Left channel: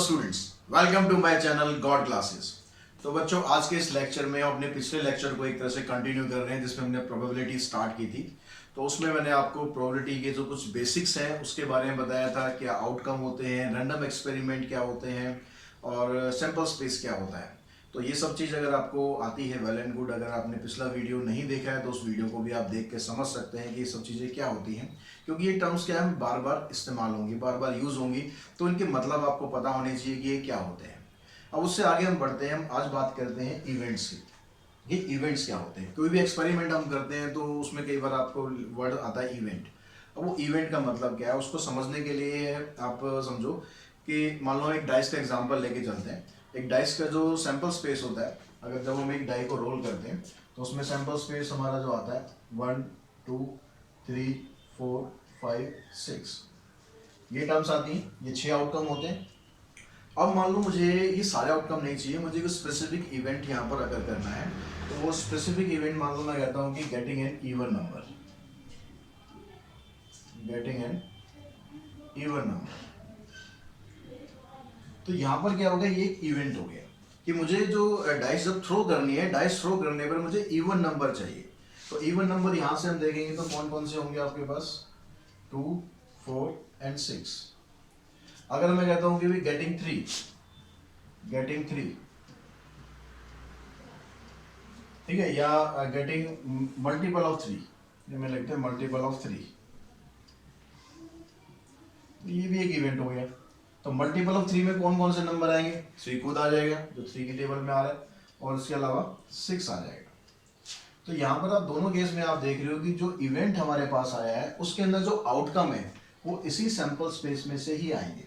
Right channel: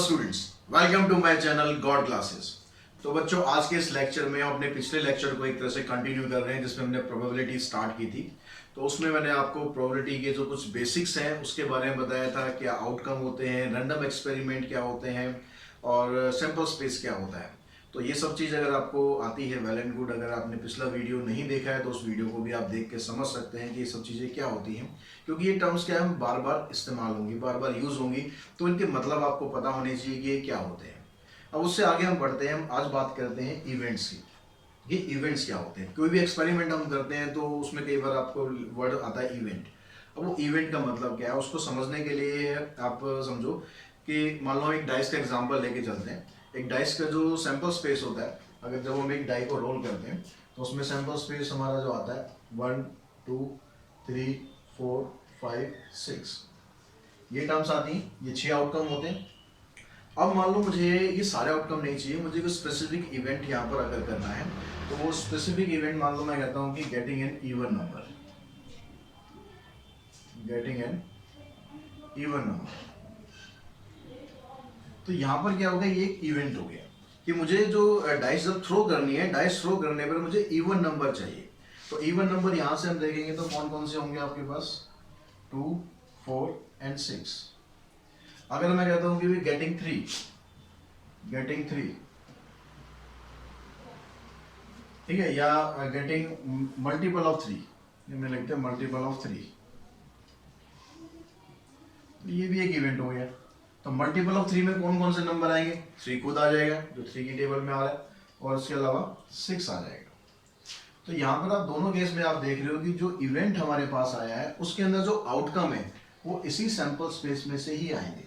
Students, welcome to my channel God Classes. तो बच्चों, आज के इस लेक्चर में अपने पिछले लेक्चर को एक तरह से कंटिन्यू कर रहे हैं जिसमें हमने प्रोबेबिलिटी स्टार्ट की थी। तो उसमें मैंने आपको प्रोबेबिलिटी के जो कुछ बेसिक्स हैं उसके बारे में बताया था, क्या आउटकम होते हैं, रैंडम एक्सपेरिमेंट क्या होते हैं और सैंपल स्पेस क्या होता है। तो ये सब चीज़ अगर आपको आती है वेल एंड गुड। अगर आपने पिछला वीडियो नहीं देखा है तो उस वीडियो को भी आप देख के समझ सकते हैं कि ये सब चीज़ें क्या होती हैं, क्योंकि ये टर्म्स क्या है बार बार इस्तेमाल होंगी, बार बार यूज़ होंगी, तो इनके मतलब आपको पता होने चाहिए कि ये क्या होते हैं। अब उससे आगे हम बढ़ते हैं, हम आज बात करते हैं इवेंट्स की। ये इवेंट्स क्या होते हैं। कोई भी एक्सपेरिमेंट हम करते हैं तो उसमें कई बार आपको वर्ड आता है इवेंट। अब वो इवेंट का मतलब क्या है उसको समझने के लिए आप समझो कि मान लो एक डाइस का एग्जांपल लेके चलते हैं। एक डाइस का जो सैंपल स्पेस होता है, अगर जब हम एक डाई को रोल करते हैं तो उसमें सैंपल स्पेस हमारा जो आता है 1 2 3 4 5 6, ये टर्म्स आती हैं। ये 6 आउटकम होते हैं। अब मान लो मुझे ये सारे आउटकम नहीं चाहिए, मुझे कोई स्पेसिफिक इवेंट यहाँ पर अगर करना है तो वो स्पेसिफिक इवेंट मान लो मैं कहता हूँ कि getting an even number, getting an even number. तो यहाँ पर क्या हो गया, ये एक इवेंट हो गया कि मुझे जो डाइस जब थ्रो करनी है, डाइस थ्रो करने पर मुझे इवन नंबर चाहिए। तो इवन नंबर यहाँ से हम देखेंगे तो कौन कौन से होंगे आपके पास, 2 4 एंड 6। अगर मैं कहता हूँ कि भी गेटिंग 3, ठीक है, या गेटिंग मल्टीपल ऑफ 3, ये मैं लिखते हैं मल्टीपल ऑफ 3, ये भी एक इवेंट हो गया। तो मल्टीपल ऑफ 3 में कौन कौन से नंबर आएंगे, 3 खुद आ जाएगा जो 3 की टेबल में आ रहा है, और इसके अलावा 6 आ जाएगा। तो यहाँ पर आप दोनों केस में आप देख रहे हो कि जो इवेंट हमारे पास आया है उसके अंदर जो आउटकम है वो इसी सैंपल स्पेस में से ही आएंगे।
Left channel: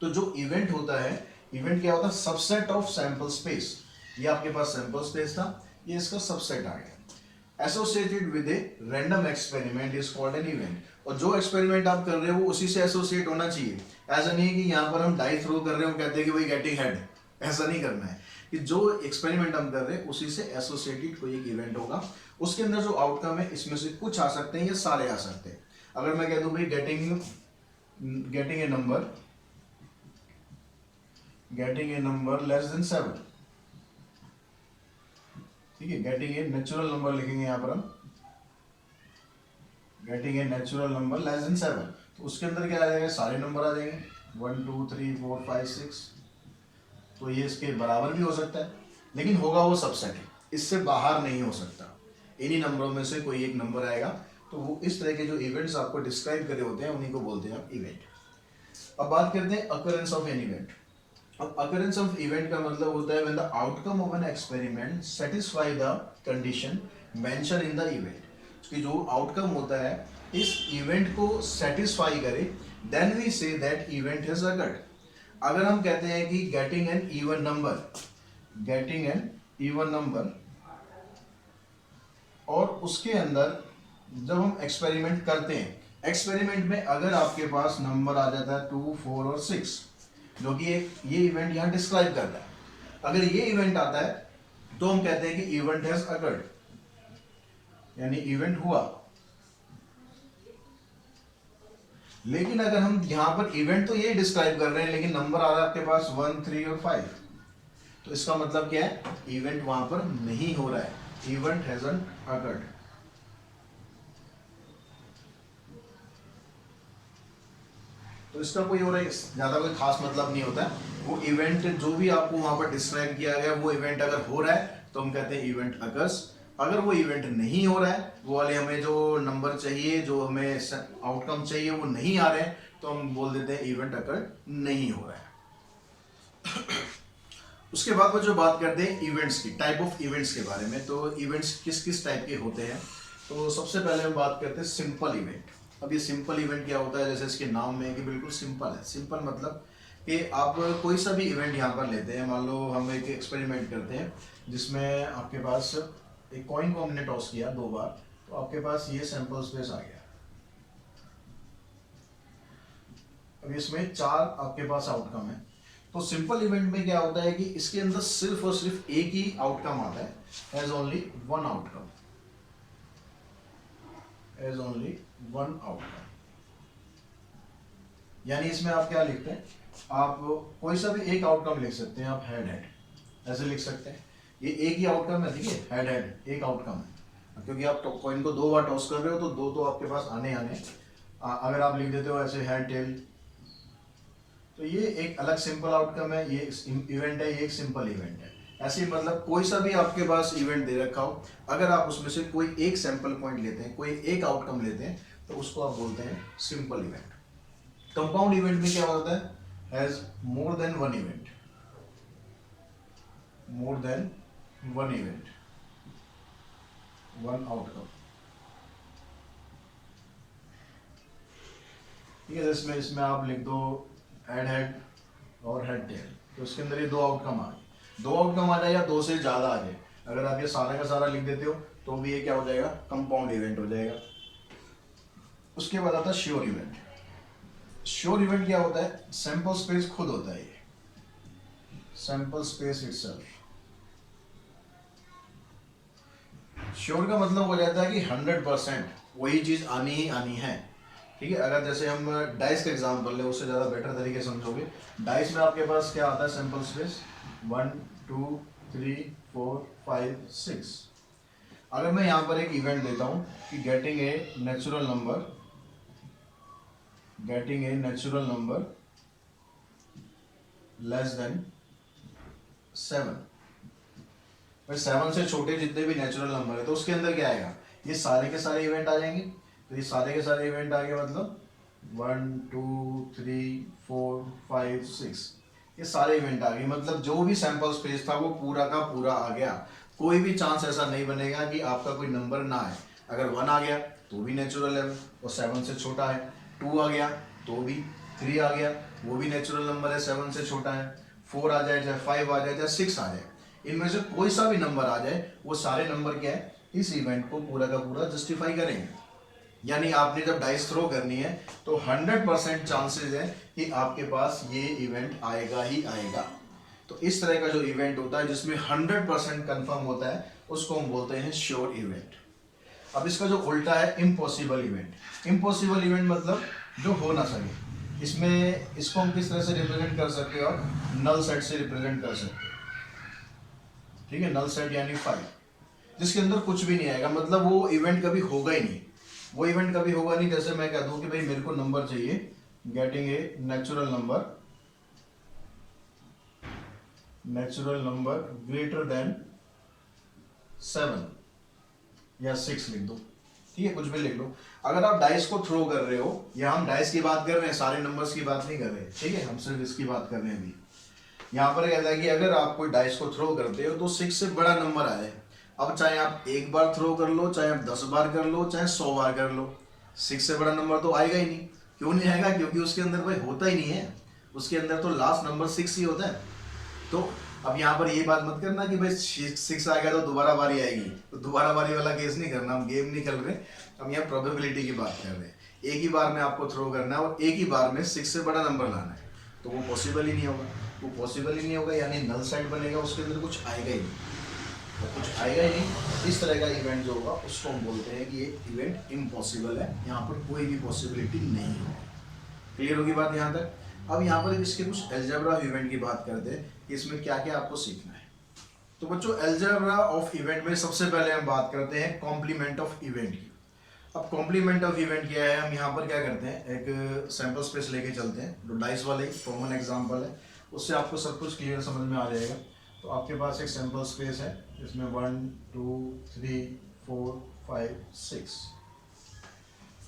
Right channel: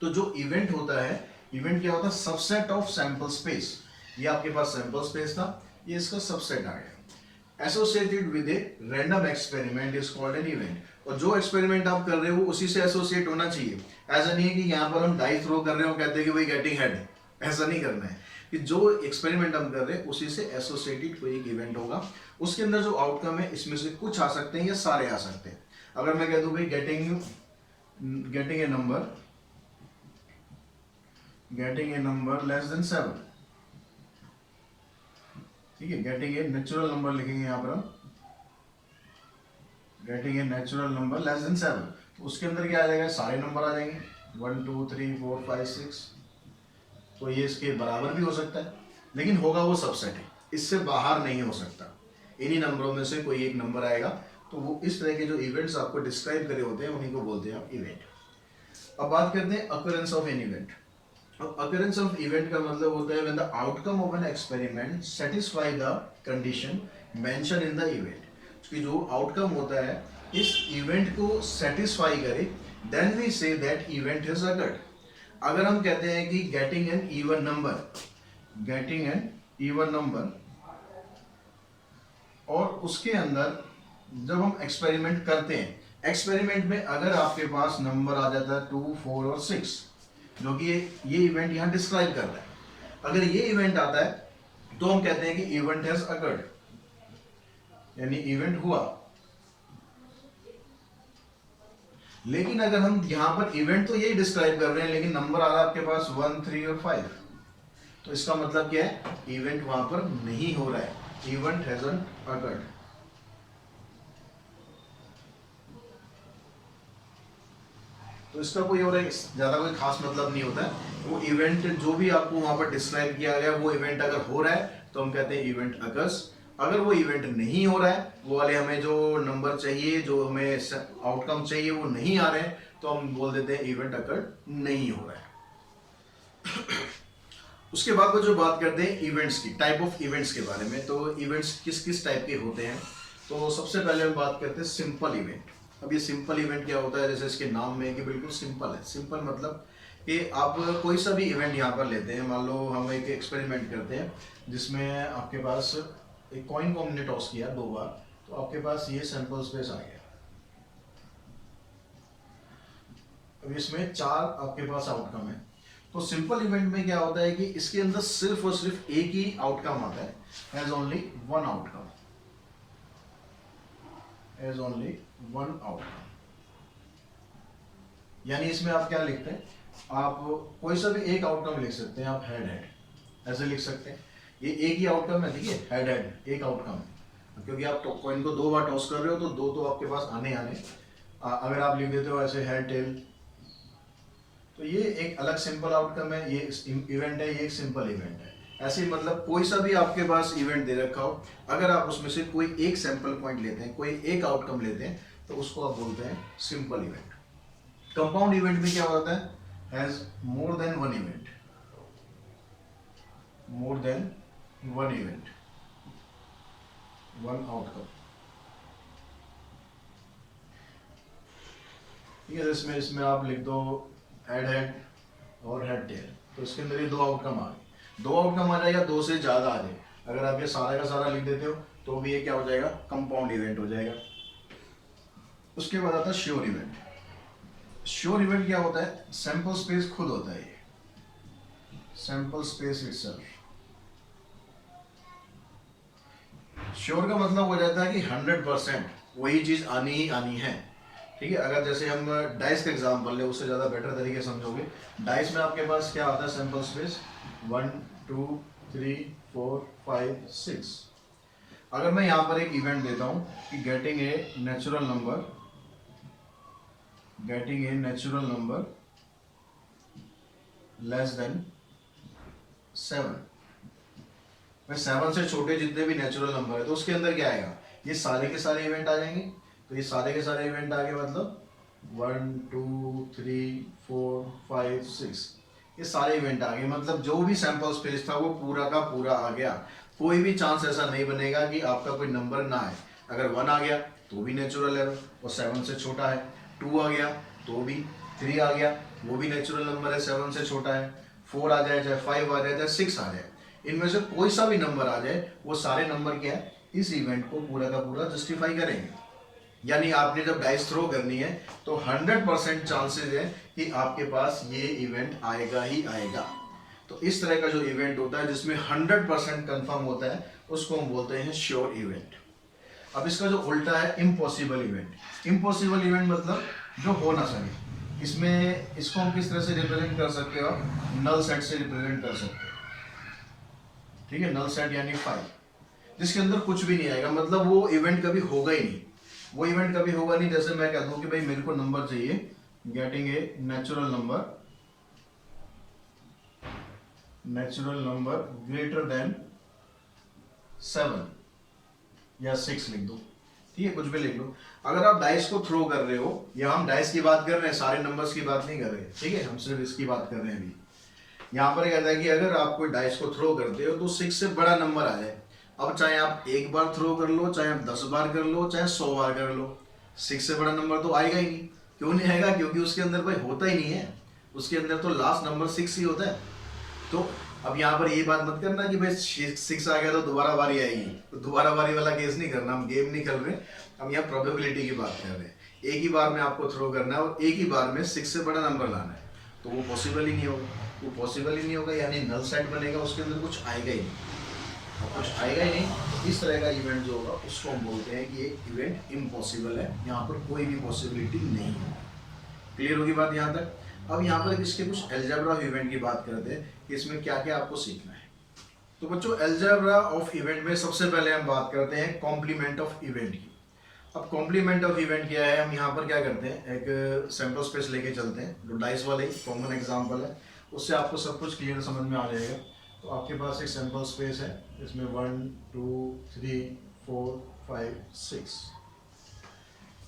तो जो इवेंट होता है, इवेंट क्या होता है, सबसेट ऑफ सैंपल स्पेस। ये आपके पास सैंपल स्पेस था, ये इसका सबसेट आ गया। Associated with a random experiment is called an event. और जो एक्सपेरिमेंट आप कर रहे हो वो उसी से एसोसिएट होना चाहिए। ऐसा नहीं है कि यहाँ पर हम डाई थ्रो कर रहे हो कहते हैं कि भाई गेटिंग हेड, ऐसा नहीं करना है। कि जो एक्सपेरिमेंट हम कर रहे हैं उसी से एसोसिएटेड कोई एक इवेंट होगा, उसके अंदर जो आउटकम है इसमें से कुछ आ सकते हैं या सारे आ सकते हैं। अगर मैं कह दूं भाई getting a number, getting a number less than 7, ठीक है, गेटिंग ए नेचुरल नंबर लिखेंगे यहाँ पर हम, getting a natural number less than 7। तो उसके अंदर क्या आ जाएगा, सारे नंबर आ जाएंगे 1 2 3 4 5 6। तो ये इसके बराबर भी हो सकता है, लेकिन होगा वो सबसेट है, इससे बाहर नहीं हो सकता। इन्हीं नंबरों में से कोई एक नंबर आएगा। तो वो इस तरह के जो इवेंट्स आपको डिस्क्राइब करे होते हैं उन्हीं को बोलते हैं आप इवेंट। अब बात करते हैं अकरेंस ऑफ एन इवेंट। अब अकरेंस ऑफ इवेंट का मतलब होता है when the outcome of an experiment satisfy the condition mention in the event. कि जो आउटकम होता है इस इवेंट को सेटिस्फाई करे, then we say that event has occurred. अगर हम कहते हैं कि getting an even number, getting an even number, और उसके अंदर जब हम एक्सपेरिमेंट करते हैं, एक्सपेरिमेंट में अगर आपके पास नंबर आ जाता है 2 4 और 6, जो कि ये इवेंट यहाँ डिस्क्राइब कर रहा है, अगर ये इवेंट आता है तो हम कहते हैं कि इवेंट हैज अकर्ड, यानी इवेंट हुआ। लेकिन अगर हम यहां पर इवेंट तो ये डिस्क्राइब कर रहे हैं लेकिन नंबर आ रहा है आपके पास 1 3 और 5, तो इसका मतलब क्या है, इवेंट वहां पर नहीं हो रहा है, इवेंट हैजंट अकर्ड। तो इसका कोई और ज्यादा कोई खास मतलब नहीं होता है। वो इवेंट जो भी आपको वहां पर डिस्क्राइब किया गया वो इवेंट अगर हो रहा है तो हम कहते हैं इवेंट अकर्स। अगर वो इवेंट नहीं हो रहा है, वो वाले हमें जो नंबर चाहिए, जो हमें आउटकम चाहिए वो नहीं आ रहे हैं, तो हम बोल देते हैं इवेंट अकर्ड नहीं हो रहा है। उसके बाद वो जो बात करते हैं इवेंट्स की, टाइप ऑफ इवेंट्स के बारे में। तो इवेंट्स किस किस टाइप के होते हैं, तो सबसे पहले हम बात करते हैं सिंपल इवेंट। अब ये सिंपल इवेंट क्या होता है, जैसे इसके नाम में कि बिल्कुल सिंपल है। सिंपल मतलब कि आप कोई सा भी इवेंट यहाँ पर लेते हैं, मान लो हम एक एक्सपेरिमेंट करते हैं जिसमें आपके पास एक कॉइन को हमने टॉस किया 2 बार, तो आपके पास ये सैंपल स्पेस आ गया। अब इसमें 4 आपके पास आउटकम है। तो सिंपल इवेंट में क्या होता है कि इसके अंदर सिर्फ और सिर्फ एक ही आउटकम आता है, as only one outcome, as only one outcome. यानी इसमें आप क्या लिखते हैं, आप कोई सा भी एक आउटकम लिख सकते हैं, आप हेड हेड ऐसे लिख सकते हैं। ये एक ही आउटकम है, देखिए हेड हेड एक आउटकम है, क्योंकि आप कॉइन को 2 बार टॉस कर रहे हो तो 2 तो आपके पास आने आने। अगर आप लिख देते हो ऐसे हेड टेल, तो ये एक अलग सिंपल आउटकम है, ये इवेंट है, ये एक सिंपल इवेंट है। ऐसे ही मतलब कोई सा भी आपके पास इवेंट दे रखा हो, अगर आप उसमें से कोई एक सैंपल पॉइंट लेते हैं, कोई एक आउटकम लेते हैं, तो उसको आप बोलते हैं सिंपल इवेंट। कंपाउंड इवेंट में क्या होता है, has more than one event, more than one event, one outcome. ठीक है, इसमें इसमें आप लिख दो हेड हेड और हेड टेल, तो इसके अंदर ये 2 आउटकम आ गए। 2 आउटकम आ जाए या 2 से ज़्यादा आ जाए, अगर आप ये सारा का सारा लिख देते हो तो भी ये क्या हो जाएगा, कंपाउंड इवेंट हो जाएगा। उसके बाद आता है श्योर इवेंट। श्योर इवेंट क्या होता है, सैंपल स्पेस खुद होता है, ये सैंपल स्पेस इटसेल्फ। श्योर का मतलब हो जाता है कि 100% वही चीज आनी ही आनी है। ठीक है, अगर जैसे हम डाइस का एग्जांपल ले, उससे ज़्यादा बेटर तरीके समझोगे। डाइस में आपके पास क्या आता है, सैंपल स्पेस 1 2 3 4 5 6। अगर मैं यहाँ पर एक इवेंट देता हूँ कि getting a natural number, getting a natural number less than 7, भाई 7 से छोटे जितने भी नेचुरल नंबर है तो उसके अंदर क्या आएगा, ये सारे के सारे इवेंट आ जाएंगे। तो ये सारे के सारे इवेंट आ गए, मतलब 1 2 3 4 5 6, ये सारे इवेंट आ गए। मतलब जो भी सैंपल स्पेस था वो पूरा का पूरा आ गया। कोई भी चांस ऐसा नहीं बनेगा कि आपका कोई नंबर ना आए। अगर 1 आ गया तो भी नेचुरल है और 7 से छोटा है, 2 आ गया तो भी, 3 आ गया वो भी नेचुरल नंबर है, 7 से छोटा है, 4 आ जाए, चाहे 5 आ जाए, चाहे 6 आ जाए, इनमें से कोई सा भी नंबर आ जाए, वो सारे नंबर क्या है, इस इवेंट को पूरा का पूरा जस्टिफाई करेंगे। यानी आपने जब डाइस थ्रो करनी है तो 100% चांसेस है कि आपके पास ये इवेंट आएगा ही आएगा। तो इस तरह का जो इवेंट होता है जिसमें 100% कंफर्म होता है, उसको हम बोलते हैं श्योर इवेंट। अब इसका जो उल्टा है, इम्पॉसिबल इवेंट। इम्पॉसिबल इवेंट मतलब जो हो ना सके। इसमें इसको हम किस तरह से रिप्रेजेंट कर सकते हो, नल सेट से रिप्रेजेंट कर सकते हो। ठीक है, नल सेट यानी 5, जिसके अंदर कुछ भी नहीं आएगा, मतलब वो इवेंट कभी होगा ही नहीं। वो इवेंट कभी होगा नहीं। जैसे मैं कह दूं कि भाई मेरे को नंबर चाहिए, getting a natural number, natural number greater than 7 या 6 लिख दो। ठीक है, कुछ भी लिख लो। अगर आप डाइस को थ्रो कर रहे हो, या हम डाइस की बात कर रहे हैं, सारे नंबर्स की बात नहीं कर रहे, ठीक है, हम सिर्फ इसकी बात कर रहे हैं अभी। यहाँ पर कहता है कि अगर आप कोई डाइस को थ्रो करते हो तो 6 से बड़ा नंबर आ जाए। अब चाहे आप एक बार थ्रो कर लो, चाहे आप 10 बार कर लो, चाहे 100 बार कर लो, 6 से बड़ा नंबर तो आएगा ही नहीं। क्यों नहीं आएगा, क्योंकि उसके अंदर कोई होता ही नहीं है। उसके अंदर तो लास्ट नंबर 6 ही होता है। तो अब यहाँ पर ये बात मत करना कि भाई 6 आ गया तो दोबारा बारी आएगी, तो दोबारा बारी वाला केस नहीं करना। हम गेम नहीं खेल रहे, हम यहाँ प्रोबेबिलिटी की बात कर रहे हैं। एक ही बार में आपको थ्रो करना है और एक ही बार में 6 से बड़ा नंबर लाना है, तो वो पॉसिबल ही नहीं होगा। वो पॉसिबल ही नहीं होगा, यानी नल सेट बनेगा, उसके अंदर कुछ आएगा ही नहीं, और कुछ आएगा ही नहीं। इस तरह का इवेंट जो होगा उसको हम बोलते हैं कि ये इवेंट इम्पॉसिबल है, यहाँ पर कोई भी पॉसिबिलिटी नहीं है। क्लियर होगी बात यहाँ तक। अब यहाँ पर इसके कुछ एल्जेब्रा ऑफ इवेंट की बात करते हैं कि इसमें क्या क्या आपको सीखना है। तो बच्चों, एल्जेब्रा ऑफ इवेंट में सबसे पहले हम बात करते हैं कॉम्प्लीमेंट ऑफ इवेंट की। अब कॉम्प्लीमेंट ऑफ इवेंट क्या है, हम यहाँ पर क्या करते हैं, एक सैंपल स्पेस लेके चलते हैं, जो डाइस वाले कॉमन एग्जांपल है, उससे आपको सब कुछ क्लियर समझ में आ जाएगा। तो आपके पास एक सैंपल स्पेस है जिसमें 1 2 3 4 5 6।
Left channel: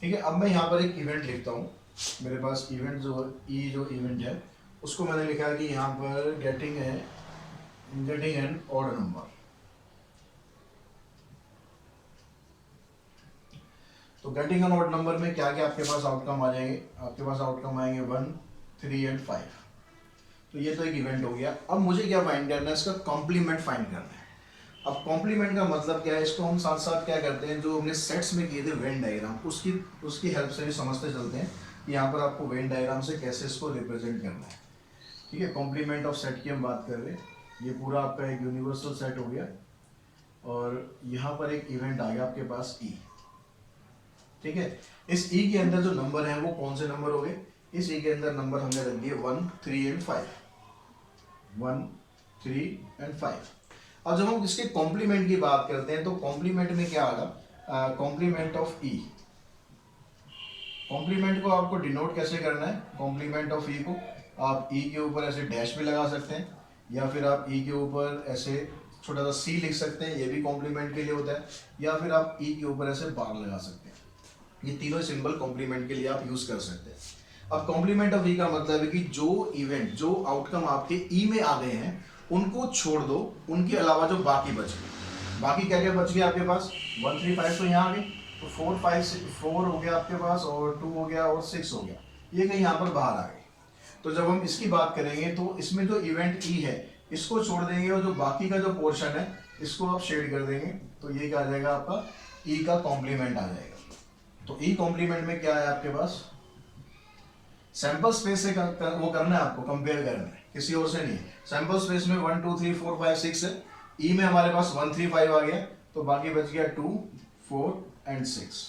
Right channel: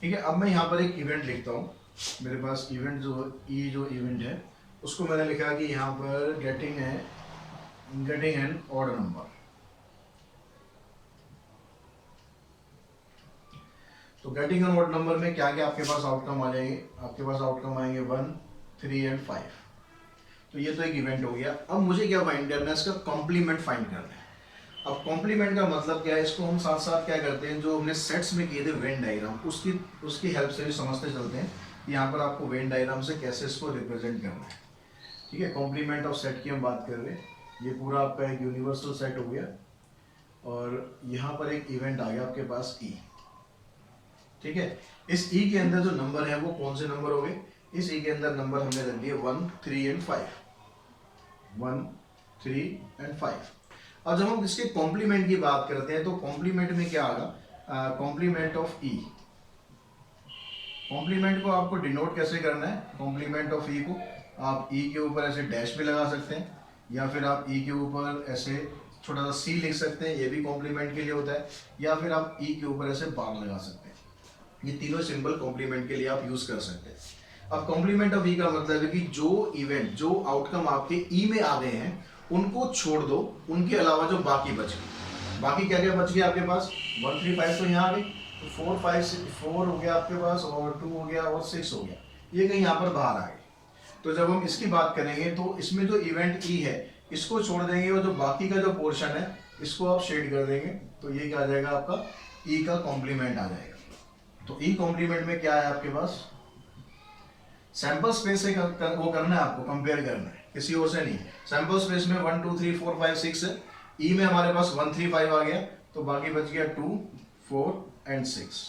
ठीक है, अब मैं यहाँ पर एक इवेंट लिखता हूँ। मेरे पास इवेंट जो जो इवेंट है उसको मैंने लिखा कि यहाँ पर गेटिंग एन ऑड नंबर। तो गेटिंग एन ऑड नंबर में क्या क्या आपके पास आउटकम आ जाएंगे, आपके पास आउटकम आएंगे 1 3 एंड 5। तो ये तो एक इवेंट हो गया। अब मुझे क्या फाइंड करना है, इसका कॉम्प्लीमेंट फाइंड करना है। अब कॉम्प्लीमेंट का मतलब क्या है, इसको हम साथ साथ क्या करते हैं, जो हमने सेट्स में किए थे वेन डायग्राम, उसकी हेल्प से भी समझते चलते हैं कि यहाँ पर आपको वेन डायग्राम से कैसे इसको रिप्रेजेंट करना है। ठीक है, कॉम्प्लीमेंट ऑफ सेट की हम बात कर रहे हैं। ये पूरा आपका एक यूनिवर्सल सेट हो गया और यहाँ पर एक इवेंट आ गया आपके पास ई। ठीक है, इस ई के अंदर जो नंबर है वो कौन से नंबर हो गए, इस ई के अंदर नंबर हमने रख दिए 1, 3 एंड 5, 1, 3 एंड 5। अब जब हम इसके कॉम्प्लीमेंट की बात करते हैं तो कॉम्प्लीमेंट में क्या आगा, कॉम्प्लीमेंट ऑफ ई। कॉम्प्लीमेंट को आपको डिनोट कैसे करना है, कॉम्प्लीमेंट ऑफ ई को आप ई के ऊपर ऐसे डैश भी लगा सकते हैं, या फिर आप ई के ऊपर ऐसे छोटा सा सी लिख सकते हैं, ये भी कॉम्प्लीमेंट के लिए होता है, या फिर आप ई के ऊपर ऐसे बार लगा सकते हैं। ये तीनों सिंबल कॉम्प्लीमेंट के लिए आप यूज कर सकते हैं। अब कॉम्प्लीमेंट ऑफ ई का मतलब है कि जो इवेंट, जो आउटकम आपके ई में आ गए हैं उनको छोड़ दो, उनके अलावा जो बाकी बच गए, बाकी क्या क्या बच गया आपके पास, 1, 3, 5 तो यहाँ आ गए, तो 4, 5, 4 हो गया आपके पास, और 2 हो गया, और 6 हो गया, ये कहीं यहाँ पर बाहर आ गए। तो जब हम इसकी बात करेंगे तो इसमें जो इवेंट ई है इसको छोड़ देंगे, और जो बाकी का जो पोर्शन है इसको आप शेड कर देंगे, तो ये क्या आ जाएगा आपका ई का कॉम्प्लीमेंट आ जाएगा। तो ई कॉम्प्लीमेंट में क्या है आपके पास, सैंपल स्पेस से वो करना है आपको, कंपेयर करना है, किसी और से नहीं। सैंपल स्पेस में 1, 2, 3, 4, 5, 6 है, ई में हमारे पास 1, 3, 5 आ गया, तो बाकी बच गया 2, 4 एंड 6।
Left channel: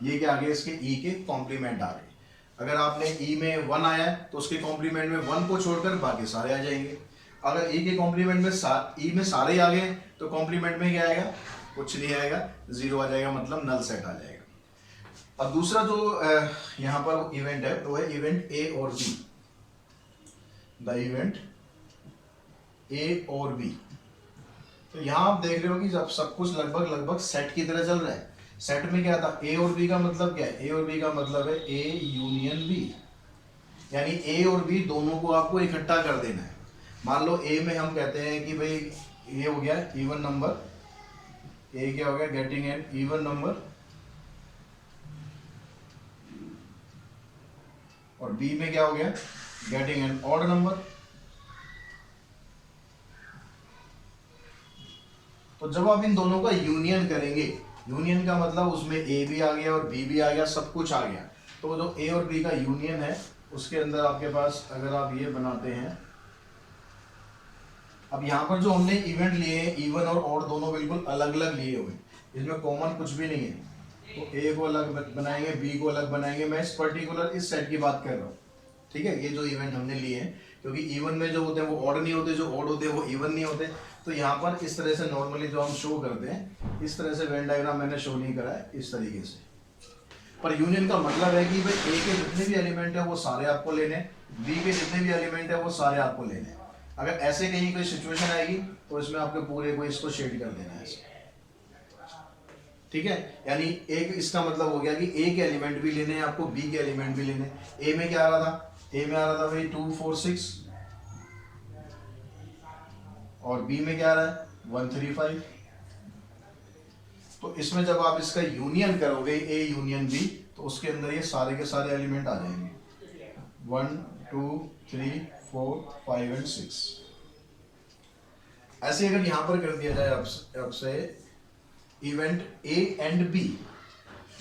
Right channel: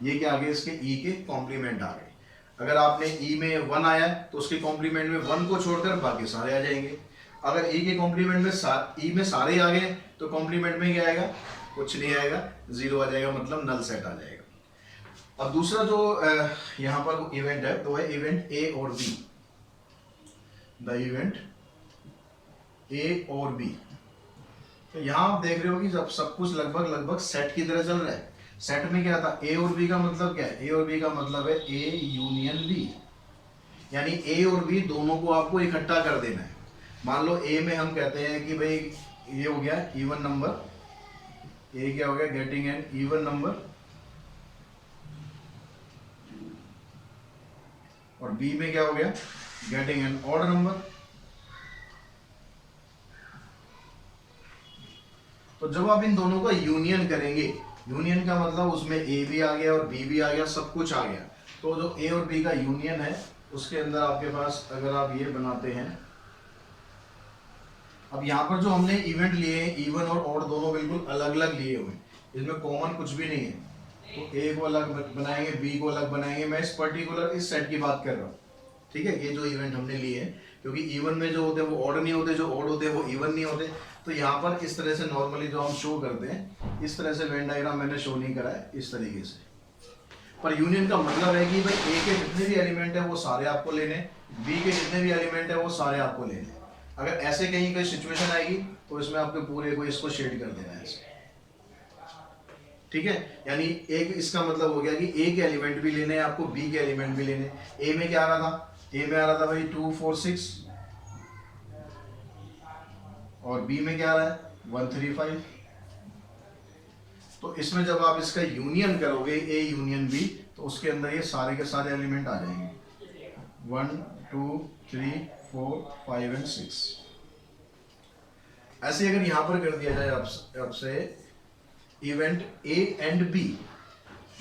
ये क्या आ गया, इसके ई के कॉम्प्लीमेंट आ गए। अगर आपने ई में 1 आया है तो उसके कॉम्प्लीमेंट में 1 को छोड़कर बाकी सारे आ जाएंगे। अगर ई के कॉम्प्लीमेंट में ई में सारे आ गए तो कॉम्प्लीमेंट में क्या आएगा, कुछ नहीं आएगा, 0 आ जाएगा, मतलब नल सेट आ जाएगा। अब दूसरा जो यहाँ पर इवेंट है वो है इवेंट ए और बी। द इवेंट ए और बी, तो यहाँ आप देख रहे हो कि जब सब कुछ लगभग सेट की तरह चल रहा है। सेट में क्या था, ए और बी का मतलब क्या है, ए और बी का मतलब है ए यूनियन बी, यानी ए और बी दोनों को आपको इकट्ठा कर देना है। मान लो ए में हम कहते हैं कि भाई ये हो गया इवन नंबर, ए क्या हो गया, गेटिंग एन इवन नंबर, और बी में क्या हो गया, गेटिंग एन ऑड नंबर। तो जब आप इन दोनों का यूनियन करेंगे, यूनियन का मतलब उसमें ए भी आ गया और बी भी आ गया, सब कुछ आ गया, तो जो ए और बी का यूनियन है उसके अंदर आपके पास अगर आप ये बनाते हैं, अब यहाँ पर जो हमने इवेंट लिए हैं इवन और ऑड दोनों बिल्कुल अलग अलग लिए हुए, इसमें कॉमन कुछ भी नहीं है, तो ए को अलग बनाएंगे, बी को अलग बनाएंगे। मैं इस पर्टिकुलर इस सेट की बात कर रहा हूँ, ठीक है, ये जो इवेंट हमने लिए हैं, क्योंकि इवन में जो होते हैं वो ऑड नहीं होते, जो ऑड होते हैं वो इवन नहीं होते। तो यहाँ पर इस तरह से नॉर्मली जो हम शो करते हैं, इस तरह से वेन डायग्राम मैंने शो नहीं करा है इस तरीके से। पर यूनियन का मतलब है कि भाई ए के जितने भी एलिमेंट है वो सारे आपको लेने, बी के जितने भी एलिमेंट है वो सारे आपको लेने। अगर ऐसे कहीं कोई सिचुएशन आएगी तो इसमें आपके पूरे को इसको शेड कर देना है ऐसे, ठीक है। यानी एक इसका मतलब हो गया कि ए के एलिमेंट भी लेने हैं आपको, बी के एलिमेंट भी लेने। ए में क्या आ रहा था, ए में आ रहा था भाई 2, 4, 6, और बी में क्या आ रहा है 1, 3, 5। तो इसमें जब आप इसका यूनियन करोगे ए यूनियन बी, तो उसके अंदर ये सारे के सारे एलिमेंट आ जाएंगे, 1, 2, 3, 4, 5 एंड 6। ऐसे अगर यहां पर कर दिया जाए आपसे event A and B,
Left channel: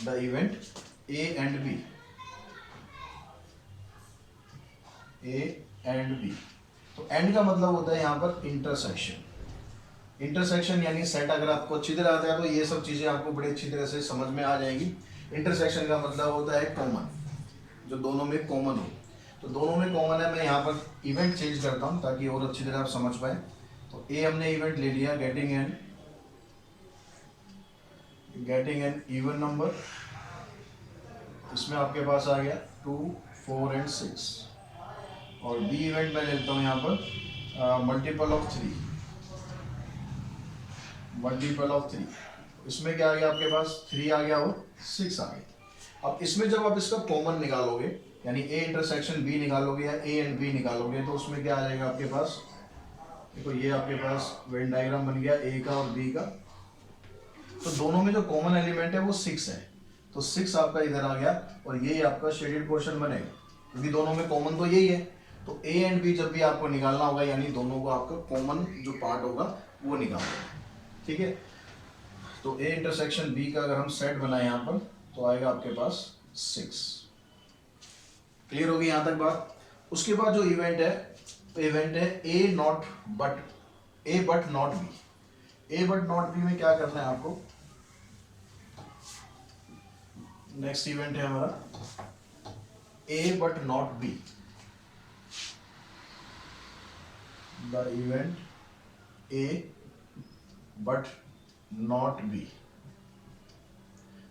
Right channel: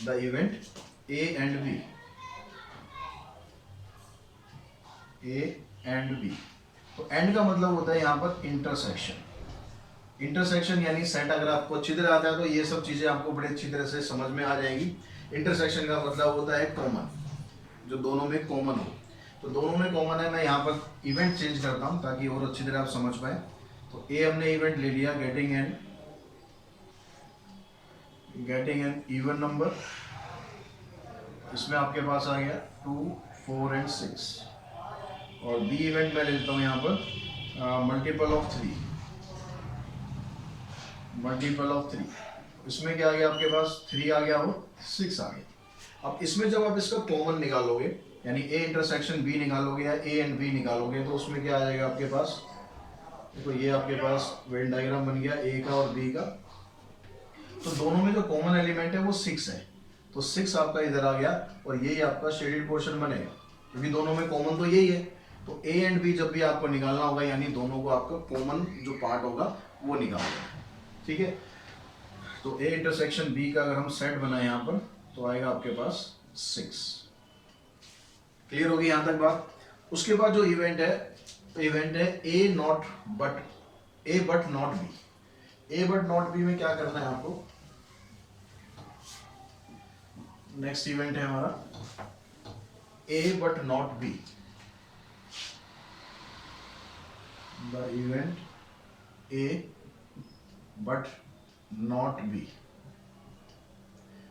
the event A and B, A and B, तो एंड का मतलब होता है यहाँ पर इंटरसेक्शन। इंटरसेक्शन यानी सेट अगर आपको अच्छी तरह आता है तो ये सब चीजें आपको बड़े अच्छी तरह से समझ में आ जाएगी। इंटरसेक्शन का मतलब होता है कॉमन, जो दोनों में कॉमन हो। तो दोनों में कॉमन है, मैं यहाँ पर इवेंट चेंज करता हूँ ताकि और अच्छी तरह आप समझ पाए। तो ए हमने इवेंट ले लिया, गेटिंग एन इवन नंबर, इसमें आपके पास आ गया 2, 4 एंड 6। और बी इवेंट मैं लेता हूँ यहाँ पर मल्टीपल ऑफ 3, इसमें क्या आ गया आपके पास 3 आ गया और 6 आ गया। अब इसमें जब आप इसका कॉमन निकालोगे, यानी ए इंटरसेक्शन बी निकालोगे या ए एंड बी निकालोगे, तो उसमें क्या आ जाएगा आपके पास, देखो ये आपके पास वेन डायग्राम बन गया ए का और बी का। तो दोनों में जो कॉमन एलिमेंट है वो 6 है, तो 6 आपका इधर आ गया, और यही आपका शेडेड पोर्शन बनेगा, क्योंकि दोनों में कॉमन तो यही है। तो ए एंड बी जब भी आपको निकालना होगा, यानी दोनों को आपको कॉमन जो पार्ट होगा वो निकालना, ठीक है। तो ए इंटरसेक्शन बी का अगर हम सेट बनाए यहाँ पर, तो आएगा आपके पास 6। क्लियर होगी यहाँ तक बात। उसके बाद जो इवेंट है A but not B. A but not B में क्या करना है आपको, नेक्स्ट इवेंट है हमारा A but not B, the event A but not B।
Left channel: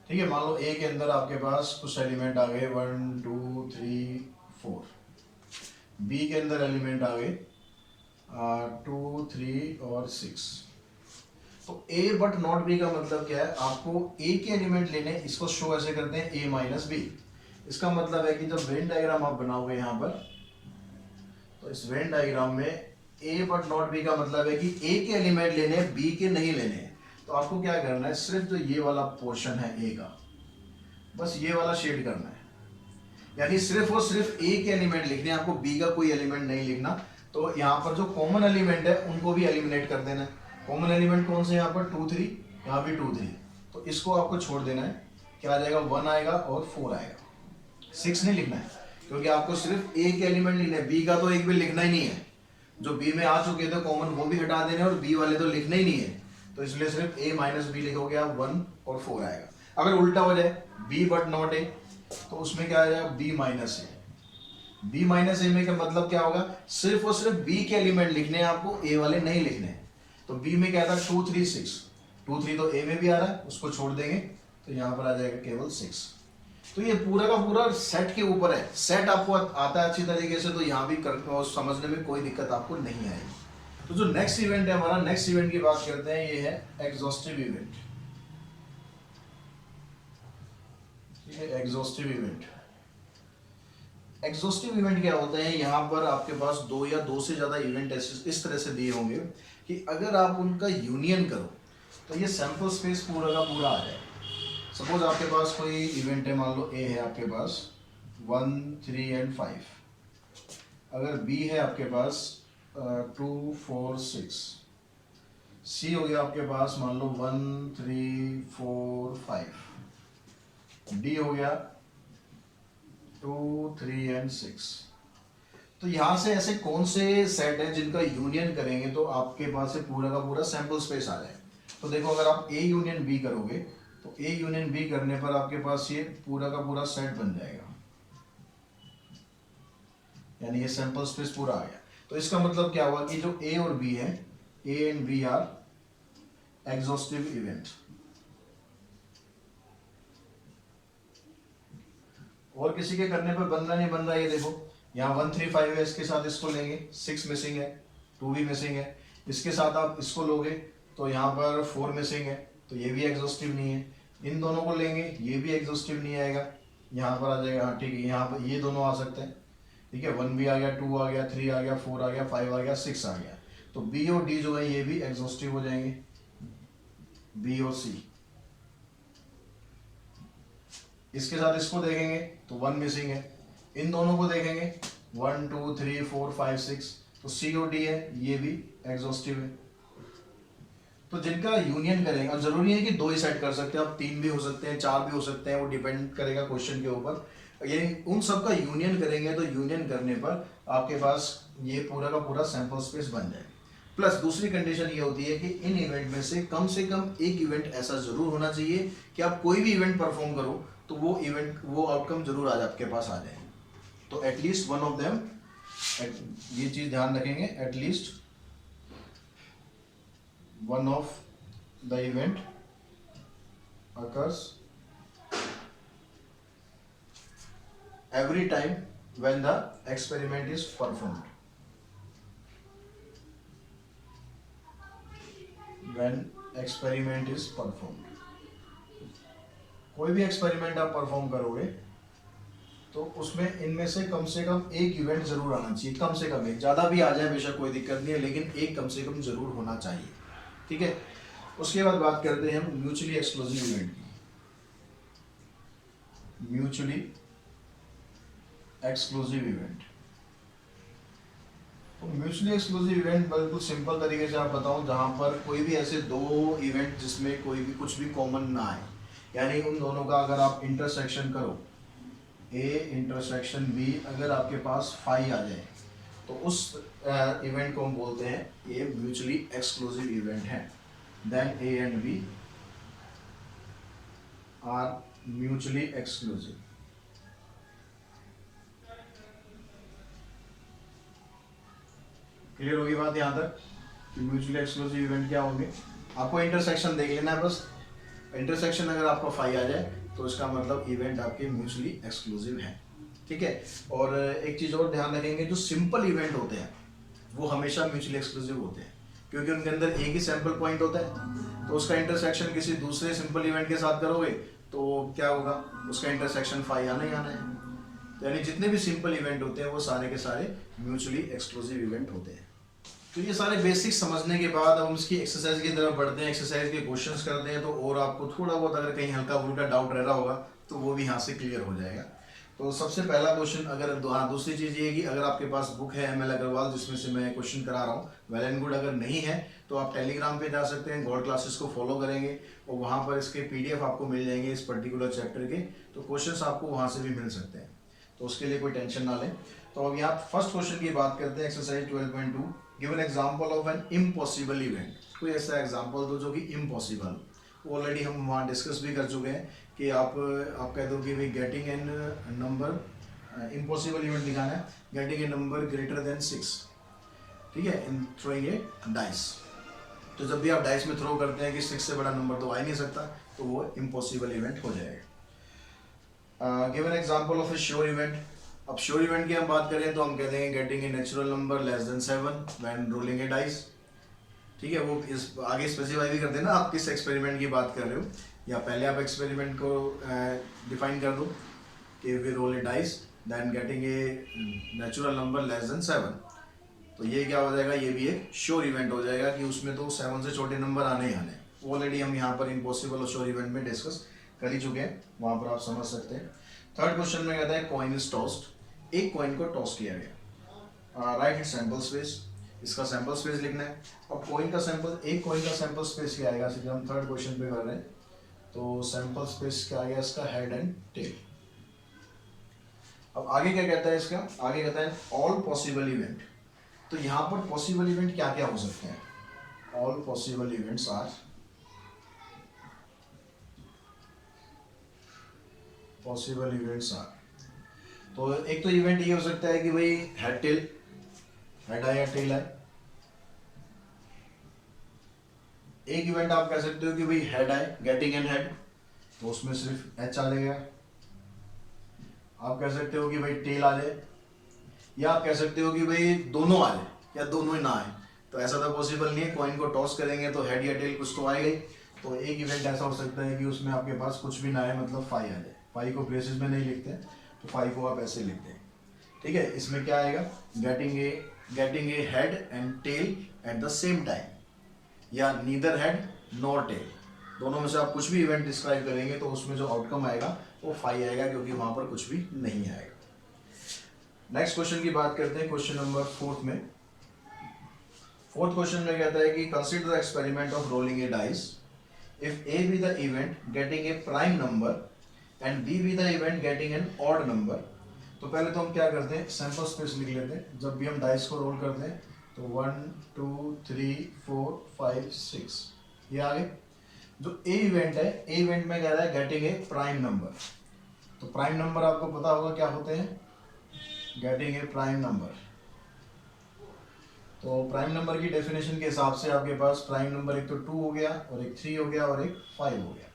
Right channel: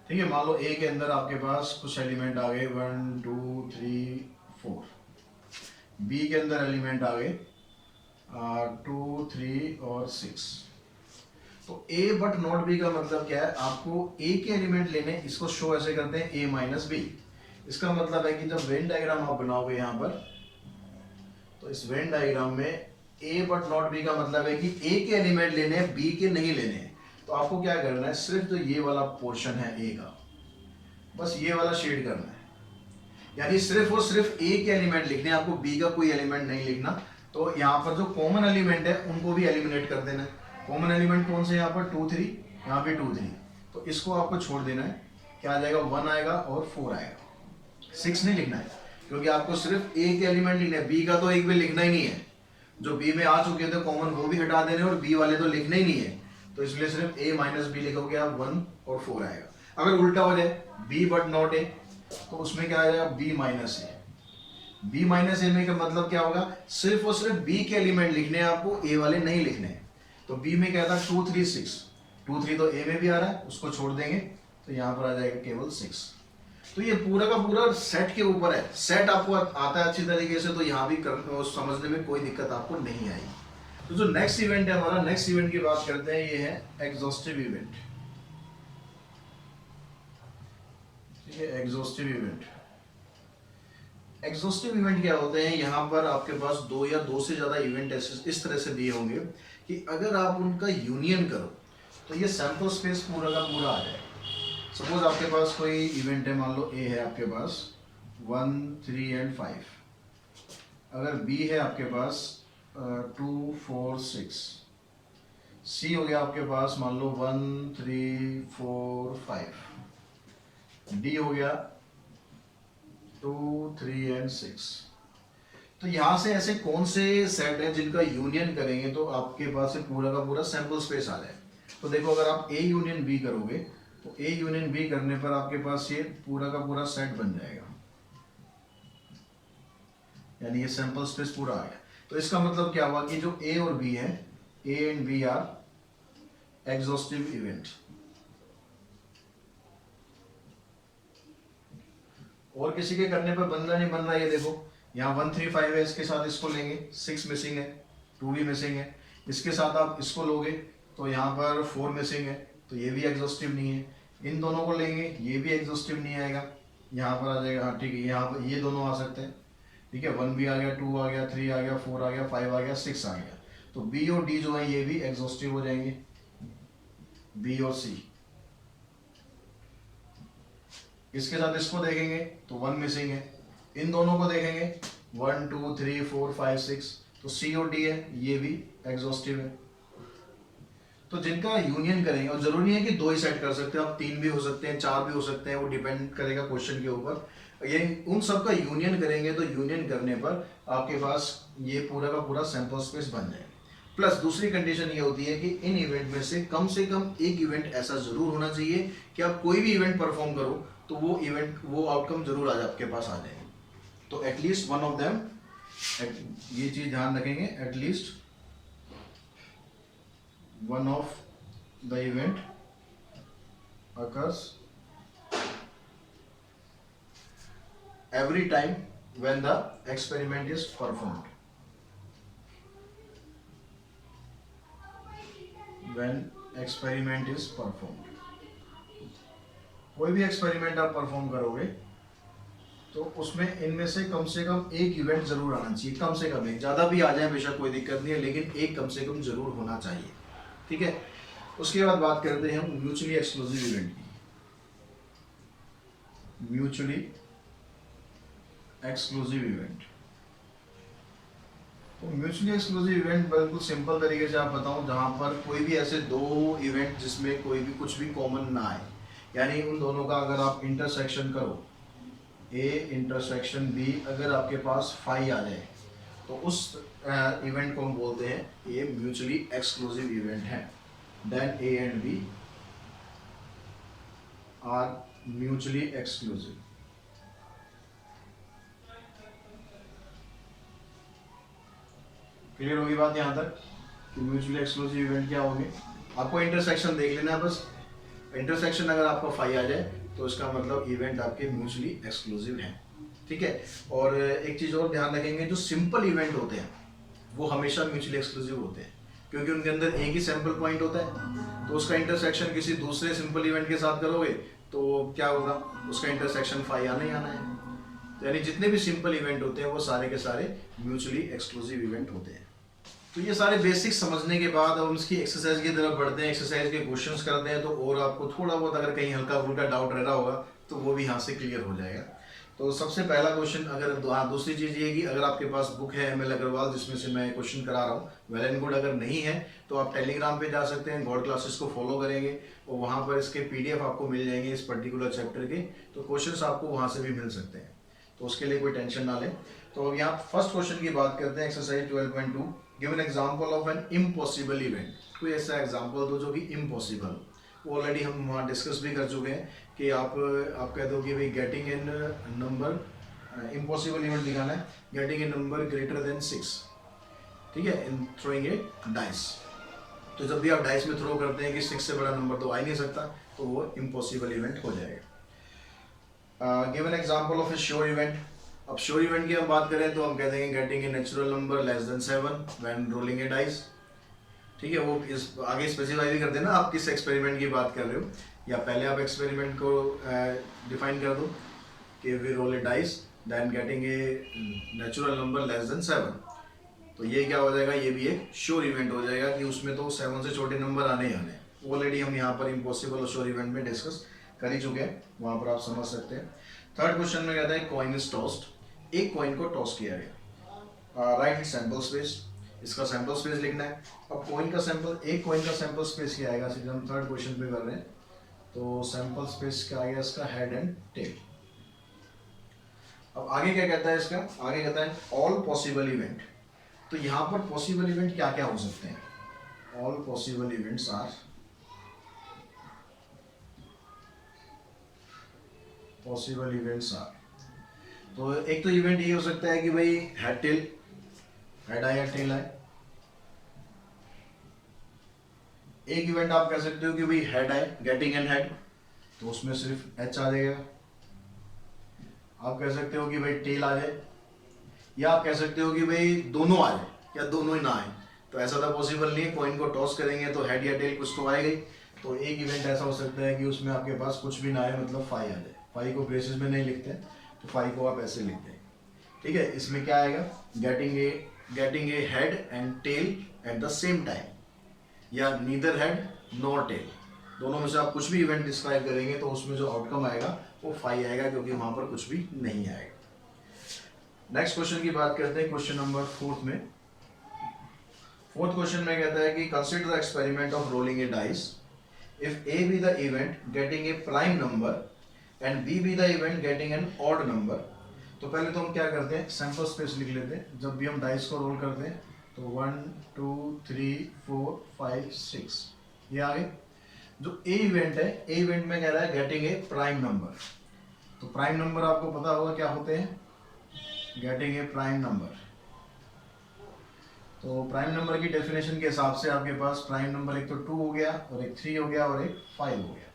ठीक है, मान लो A के अंदर आपके पास कुछ एलिमेंट आ गए 1 2 3 4, B के अंदर एलिमेंट आ गए 2 3 और 6। तो A बट नॉट B का मतलब क्या है, आपको A के एलिमेंट लेने, इसको शो ऐसे करते हैं A माइनस B। इसका मतलब है कि जब वेन डायग्राम आप बनाओगे यहाँ पर, तो इस वेन डायग्राम में A बट नॉट B का मतलब है कि A के एलिमेंट लेने हैं, B के नहीं लेने हैं। तो आपको क्या करना है, सिर्फ जो ये वाला पोर्शन है A का, बस ये वाला शेड करना है, यानी सिर्फ और सिर्फ A के एलिमेंट लिखने हैं, आपको B का कोई एलिमेंट नहीं लिखना। तो यहाँ पर जो कॉमन एलिमेंट है उनको भी एलिमिनेट कर देना है। कॉमन एलिमेंट कौन से, यहाँ पर 2 3, यहाँ भी 2 3, तो इसको आपको छोड़ देना है। क्या आ जाएगा, 1 आएगा और 4 आएगा। 6 नहीं लिखना है, क्योंकि आपको सिर्फ A के एलिमेंट लिखना है, B का तो एक भी लिखना ही नहीं है। जो B में आ चुके थे कॉमन वो भी हटा देने, और B वाले तो लिखने ही नहीं है। तो इसलिए सिर्फ A माइनस B लिखोगे आप, 1 और 4 आएगा। अगर उल्टा हो जाए B बट नॉट A, तो उसमें क्या आएगा, B minus A। B minus A में का मतलब क्या होगा, सिर्फ और सिर्फ B के एलिमेंट लिखने हैं आपको, A वाले नहीं लिखने हैं। तो B में क्या था, 2 3 6, 2 3 तो A में भी आ रहा है, उसको छोड़ देंगे तो यहाँ पर आ जाएगा केवल 6। तो ये पूरा का पूरा सेट के ऊपर है। सेट आपको आता है अच्छी तरीके से, तो यहाँ भी समझने में कोई दिक्कत आपको नहीं आएगी। तो जो नेक्स्ट इवेंट है हमारा, नेक्स्ट इवेंट की बात करते हैं, ये है एग्जॉस्टिव इवेंट। ठीक है, एग्जॉस्टिव इवेंट। एग्जॉस्टिव इवेंट क्या होते हैं, यहाँ पर आपके पास 2 या 2 से ज्यादा इवेंट इस तरह से दिए होंगे कि अगर आप उनका यूनियन करो तो ये सैंपल स्पेस पूरा का पूरा आ जाएगा। सपोज आपके पास कोई इवेंट है, मान लो A है आपके पास 1 3 एंड 5, अगर B है आपके पास 2 4 6, C हो गया आपके पास मान लो 1 3 4 5, D हो गया 2 3 एंड 6। तो यहाँ से ऐसे कौन से सेट है जिनका यूनियन करेंगे तो आपके पास से पूरा का पूरा सैंपल स्पेस आ जाए। तो देखो, अगर आप A यूनियन B करोगे तो A यूनियन B करने पर आपके पास ये पूरा का पूरा सेट बन जाएगा, यानी ये सैंपल स्पेस पूरा आ गया। तो इसका मतलब क्या हुआ कि जो A और B है, A and B are exhaustive event. और किसी के करने पर बन रहा नहीं बन रहा, ये देखो यहाँ 1 3 5 है, इसके साथ इसको लेंगे, 6 मिसिंग है, 2 भी मिसिंग है। इसके साथ आप इसको लोगे तो यहाँ पर 4 मिसिंग है, तो ये भी एग्जॉस्टिव नहीं है। इन दोनों को लेंगे, ये भी एग्जॉस्टिव नहीं आएगा, यहाँ पर आ जाएगा। हाँ ठीक है, यहाँ पर ये दोनों आ सकते हैं। ठीक है, 1 भी आ गया, 2 आ गया, 3 आ गया, 4 आ गया, 5 आ गया, 6 आ गया। तो B और D जो है ये भी एग्जॉस्टिव हो जाएंगे, B और C। इसके साथ इसको देखेंगे तो 1 मिसिंग है। इन दोनों को देखेंगे 1 2 3 4 5 6, तो C और D है, ये भी एग्जॉस्टिव है। तो जिनका यूनियन करेंगे, और जरूरी है कि 2 ही सेट कर सकते हैं आप, 3 भी हो सकते हैं, 4 भी हो सकते हैं, वो डिपेंड करेगा क्वेश्चन के ऊपर। ये उन सब का यूनियन करेंगे तो यूनियन करने पर आपके पास ये पूरा का पूरा सैंपल स्पेस बन जाएगा। प्लस दूसरी कंडीशन ये होती है कि इन इवेंट में से कम एक इवेंट ऐसा जरूर होना चाहिए कि आप कोई भी इवेंट परफॉर्म करो तो वो आउटकम जरूर आज आपके पास आ जाए। तो एटलीस्ट वन ऑफ देम, ये चीज ध्यान रखेंगे, at least one of the event occurs every time when the experiment is performed. When experiment is performed, कोई भी एक्सपेरिमेंट आप परफॉर्म करोगे तो उसमें इनमें से कम एक इवेंट जरूर आना चाहिए। कम से कम एक, ज्यादा भी आ जाए बेशक कोई दिक्कत नहीं है, लेकिन एक कम से कम जरूर होना चाहिए। ठीक है, उसके बाद बात करते हैं हम म्यूचुअली एक्सक्लूसिव इवेंट की। म्यूचुअली एक्सक्लूसिव इवेंट, तो म्यूचुअली एक्सक्लूसिव इवेंट बिल्कुल सिंपल तरीके से आप बताऊं, जहां पर कोई भी ऐसे 2 इवेंट जिसमें कोई भी कुछ भी कॉमन ना आए, यानी उन दोनों का अगर आप इंटरसेक्शन करो, A इंटरसेक्शन B, अगर आपके पास फाई आ जाए तो उस इवेंट को हम बोलते हैं ये म्यूचुअली एक्सक्लूसिव इवेंट है। Then A and B are mutually exclusive. Clear होगी बात यहाँ तक कि म्यूचुअली एक्सक्लूसिव इवेंट क्या होंगे। आपको इंटरसेक्शन देख लेना है बस। इंटरसेक्शन अगर आपका 5 आ जाए तो इसका मतलब इवेंट आपके म्यूचुअली एक्सक्लूसिव हैं, ठीक है। और एक चीज़ और ध्यान रखेंगे, जो सिंपल इवेंट होते हैं वो हमेशा म्यूचुअली एक्सक्लूसिव होते हैं, क्योंकि उनके अंदर एक ही सैंपल पॉइंट होता है। तो उसका इंटरसेक्शन किसी दूसरे सिंपल इवेंट के साथ करोगे तो क्या होगा, उसका इंटरसेक्शन 5 आना ही आना है। यानी जितने भी सिंपल इवेंट होते हैं वो सारे के सारे म्यूचुअली एक्सक्लूसिव इवेंट होते हैं। तो ये सारे बेसिक्स समझने के बाद अब हम इसकी एक्सरसाइज की तरफ बढ़ते हैं, एक्सरसाइज के क्वेश्चंस करते हैं। तो और आपको थोड़ा बहुत अगर कहीं हल्का फुल्का डाउट रह रहा होगा तो वो भी यहाँ से क्लियर हो जाएगा। तो सबसे पहला क्वेश्चन, अगर दूसरी चीज़ ये कि अगर आपके पास बुक है ML अग्रवाल जिसमें से मैं क्वेश्चन करा रहा हूँ, वेल एंड गुड। अगर नहीं है तो आप टेलीग्राम पे जा सकते हैं, गॉड क्लासेस को फॉलो करेंगे और वहाँ पर इसके PDF आपको मिल जाएंगे इस पर्टिकुलर चैप्टर के। तो क्वेश्चंस आपको वहाँ से भी मिल सकते हैं, तो उसके लिए कोई टेंशन ना लें। तो अब यहाँ फर्स्ट क्वेश्चन की बात करते हैं, exercise 12.2। Give an example of an impossible event. कोई ऐसा एग्जांपल दो जो कि इम्पॉसिबल हो। ऑलरेडी हम वहाँ डिस्कस भी कर चुके हैं कि आप कह दो कि भाई getting an number, impossible event दिखाना है, गेटिंग ए नंबर ग्रेटर देन 6, ठीक है, इन थ्रोइंग ए डाइस। तो जब भी आप डाइस में थ्रो करते हैं कि 6 से बड़ा नंबर तो आ ही नहीं सकता, तो वो इम्पॉसिबल इवेंट हो जाएगा। Give an example of A sure event. अब श्योर इवेंट की हम बात करें तो हम कह देंगे getting a natural number less than 7 when rolling a dice, ठीक है। वो इस आगे स्पेसिफाई भी कर देना आप किस एक्सपेरिमेंट की बात कर रहे हो, या पहले आप एक्सपेरिमेंट को डिफाइन कर दो कि we roll a dice then getting a natural number less than 7। तो ये क्या हो जाएगा, ये भी एक श्योर इवेंट हो जाएगा कि उसमें तो 7 से छोटे नंबर आने ही आने। ऑलरेडी हम यहाँ पर इम्पॉसिबल और श्योर इवेंट में डिस्कस कर ही चुके हैं, वहाँ पर आप समझ सकते हैं। थर्ड क्वेश्चन में कहता है कॉइन इज टॉस्ड। एक कॉइन को टॉस किया गया, राइट इट सैंपल स्पेस। इसका सैंपल स्पेस लिखना है। अब कॉइन का सैंपल, एक कॉइन का सैंपल स्पेस क्या आएगा, सीधे हम थर्ड क्वेश्चन पे कर रहे हैं। तो सैंपल स्पेस क्या आ गया इसका, हेड एंड टेल। अब आगे क्या कहता है इसका, आगे कहता है ऑल पॉसिबल इवेंट। तो यहाँ पर पॉसिबल इवेंट क्या क्या हो सकते हैं, all possible events are, possible events are. तो एक तो इवेंट ये हो सकता है कि भाई हेड टेल, हेड आया टेल आए। एक इवेंट आप कह सकते हो कि भाई हेड आए, गेटिंग एन हेड, तो उसमें सिर्फ एच आ जाएगा। आप कह सकते हो कि भाई टेल आ जाए, या आप कह सकते हो कि भाई दोनों आ जाए या दोनों ही ना आए। तो ऐसा तो पॉसिबल नहीं है, कॉइन को टॉस करेंगे तो हेड या टेल कुछ तो आएगा ही। तो एक इवेंट ऐसा हो सकता है कि उसमें आपके पास कुछ भी ना आए, मतलब 5 आ जाए। 5 को ब्रेसेस में नहीं लिखते, तो 5 को आप ऐसे लिखते हैं, ठीक है। इसमें क्या आएगा, getting a head and tail at the same time, या नीदर हेड नॉर टेल। दोनों में से आप कुछ भी इवेंट डिस्क्राइब करेंगे तो उसमें जो आउटकम आएगा वो 5 आएगा, क्योंकि वहां पर कुछ भी नहीं आएगा। नेक्स्ट क्वेश्चन की बात करते हैं, क्वेश्चन नंबर 4 में। फोर्थ क्वेश्चन में कहता है कि consider the experiment of rolling a dice if A be the event getting a prime number and B be the event getting an odd number. तो पहले तो हम क्या करते हैं, सैंपल स्पेस लिख लेते हैं। जब भी हम डाइस को रोल करते हैं तो 1 2 3 4 5 6 ये आ गए। जो ए इवेंट है, ए इवेंट में कह रहा है गेटिंग ए प्राइम नंबर। तो प्राइम नंबर आपको पता होगा क्या होते हैं, गेटिंग ए प्राइम नंबर। तो प्राइम नंबर की डेफिनेशन के हिसाब से आपके पास प्राइम नंबर एक तो 2 हो गया और एक 3 हो गया और एक 5 हो गया।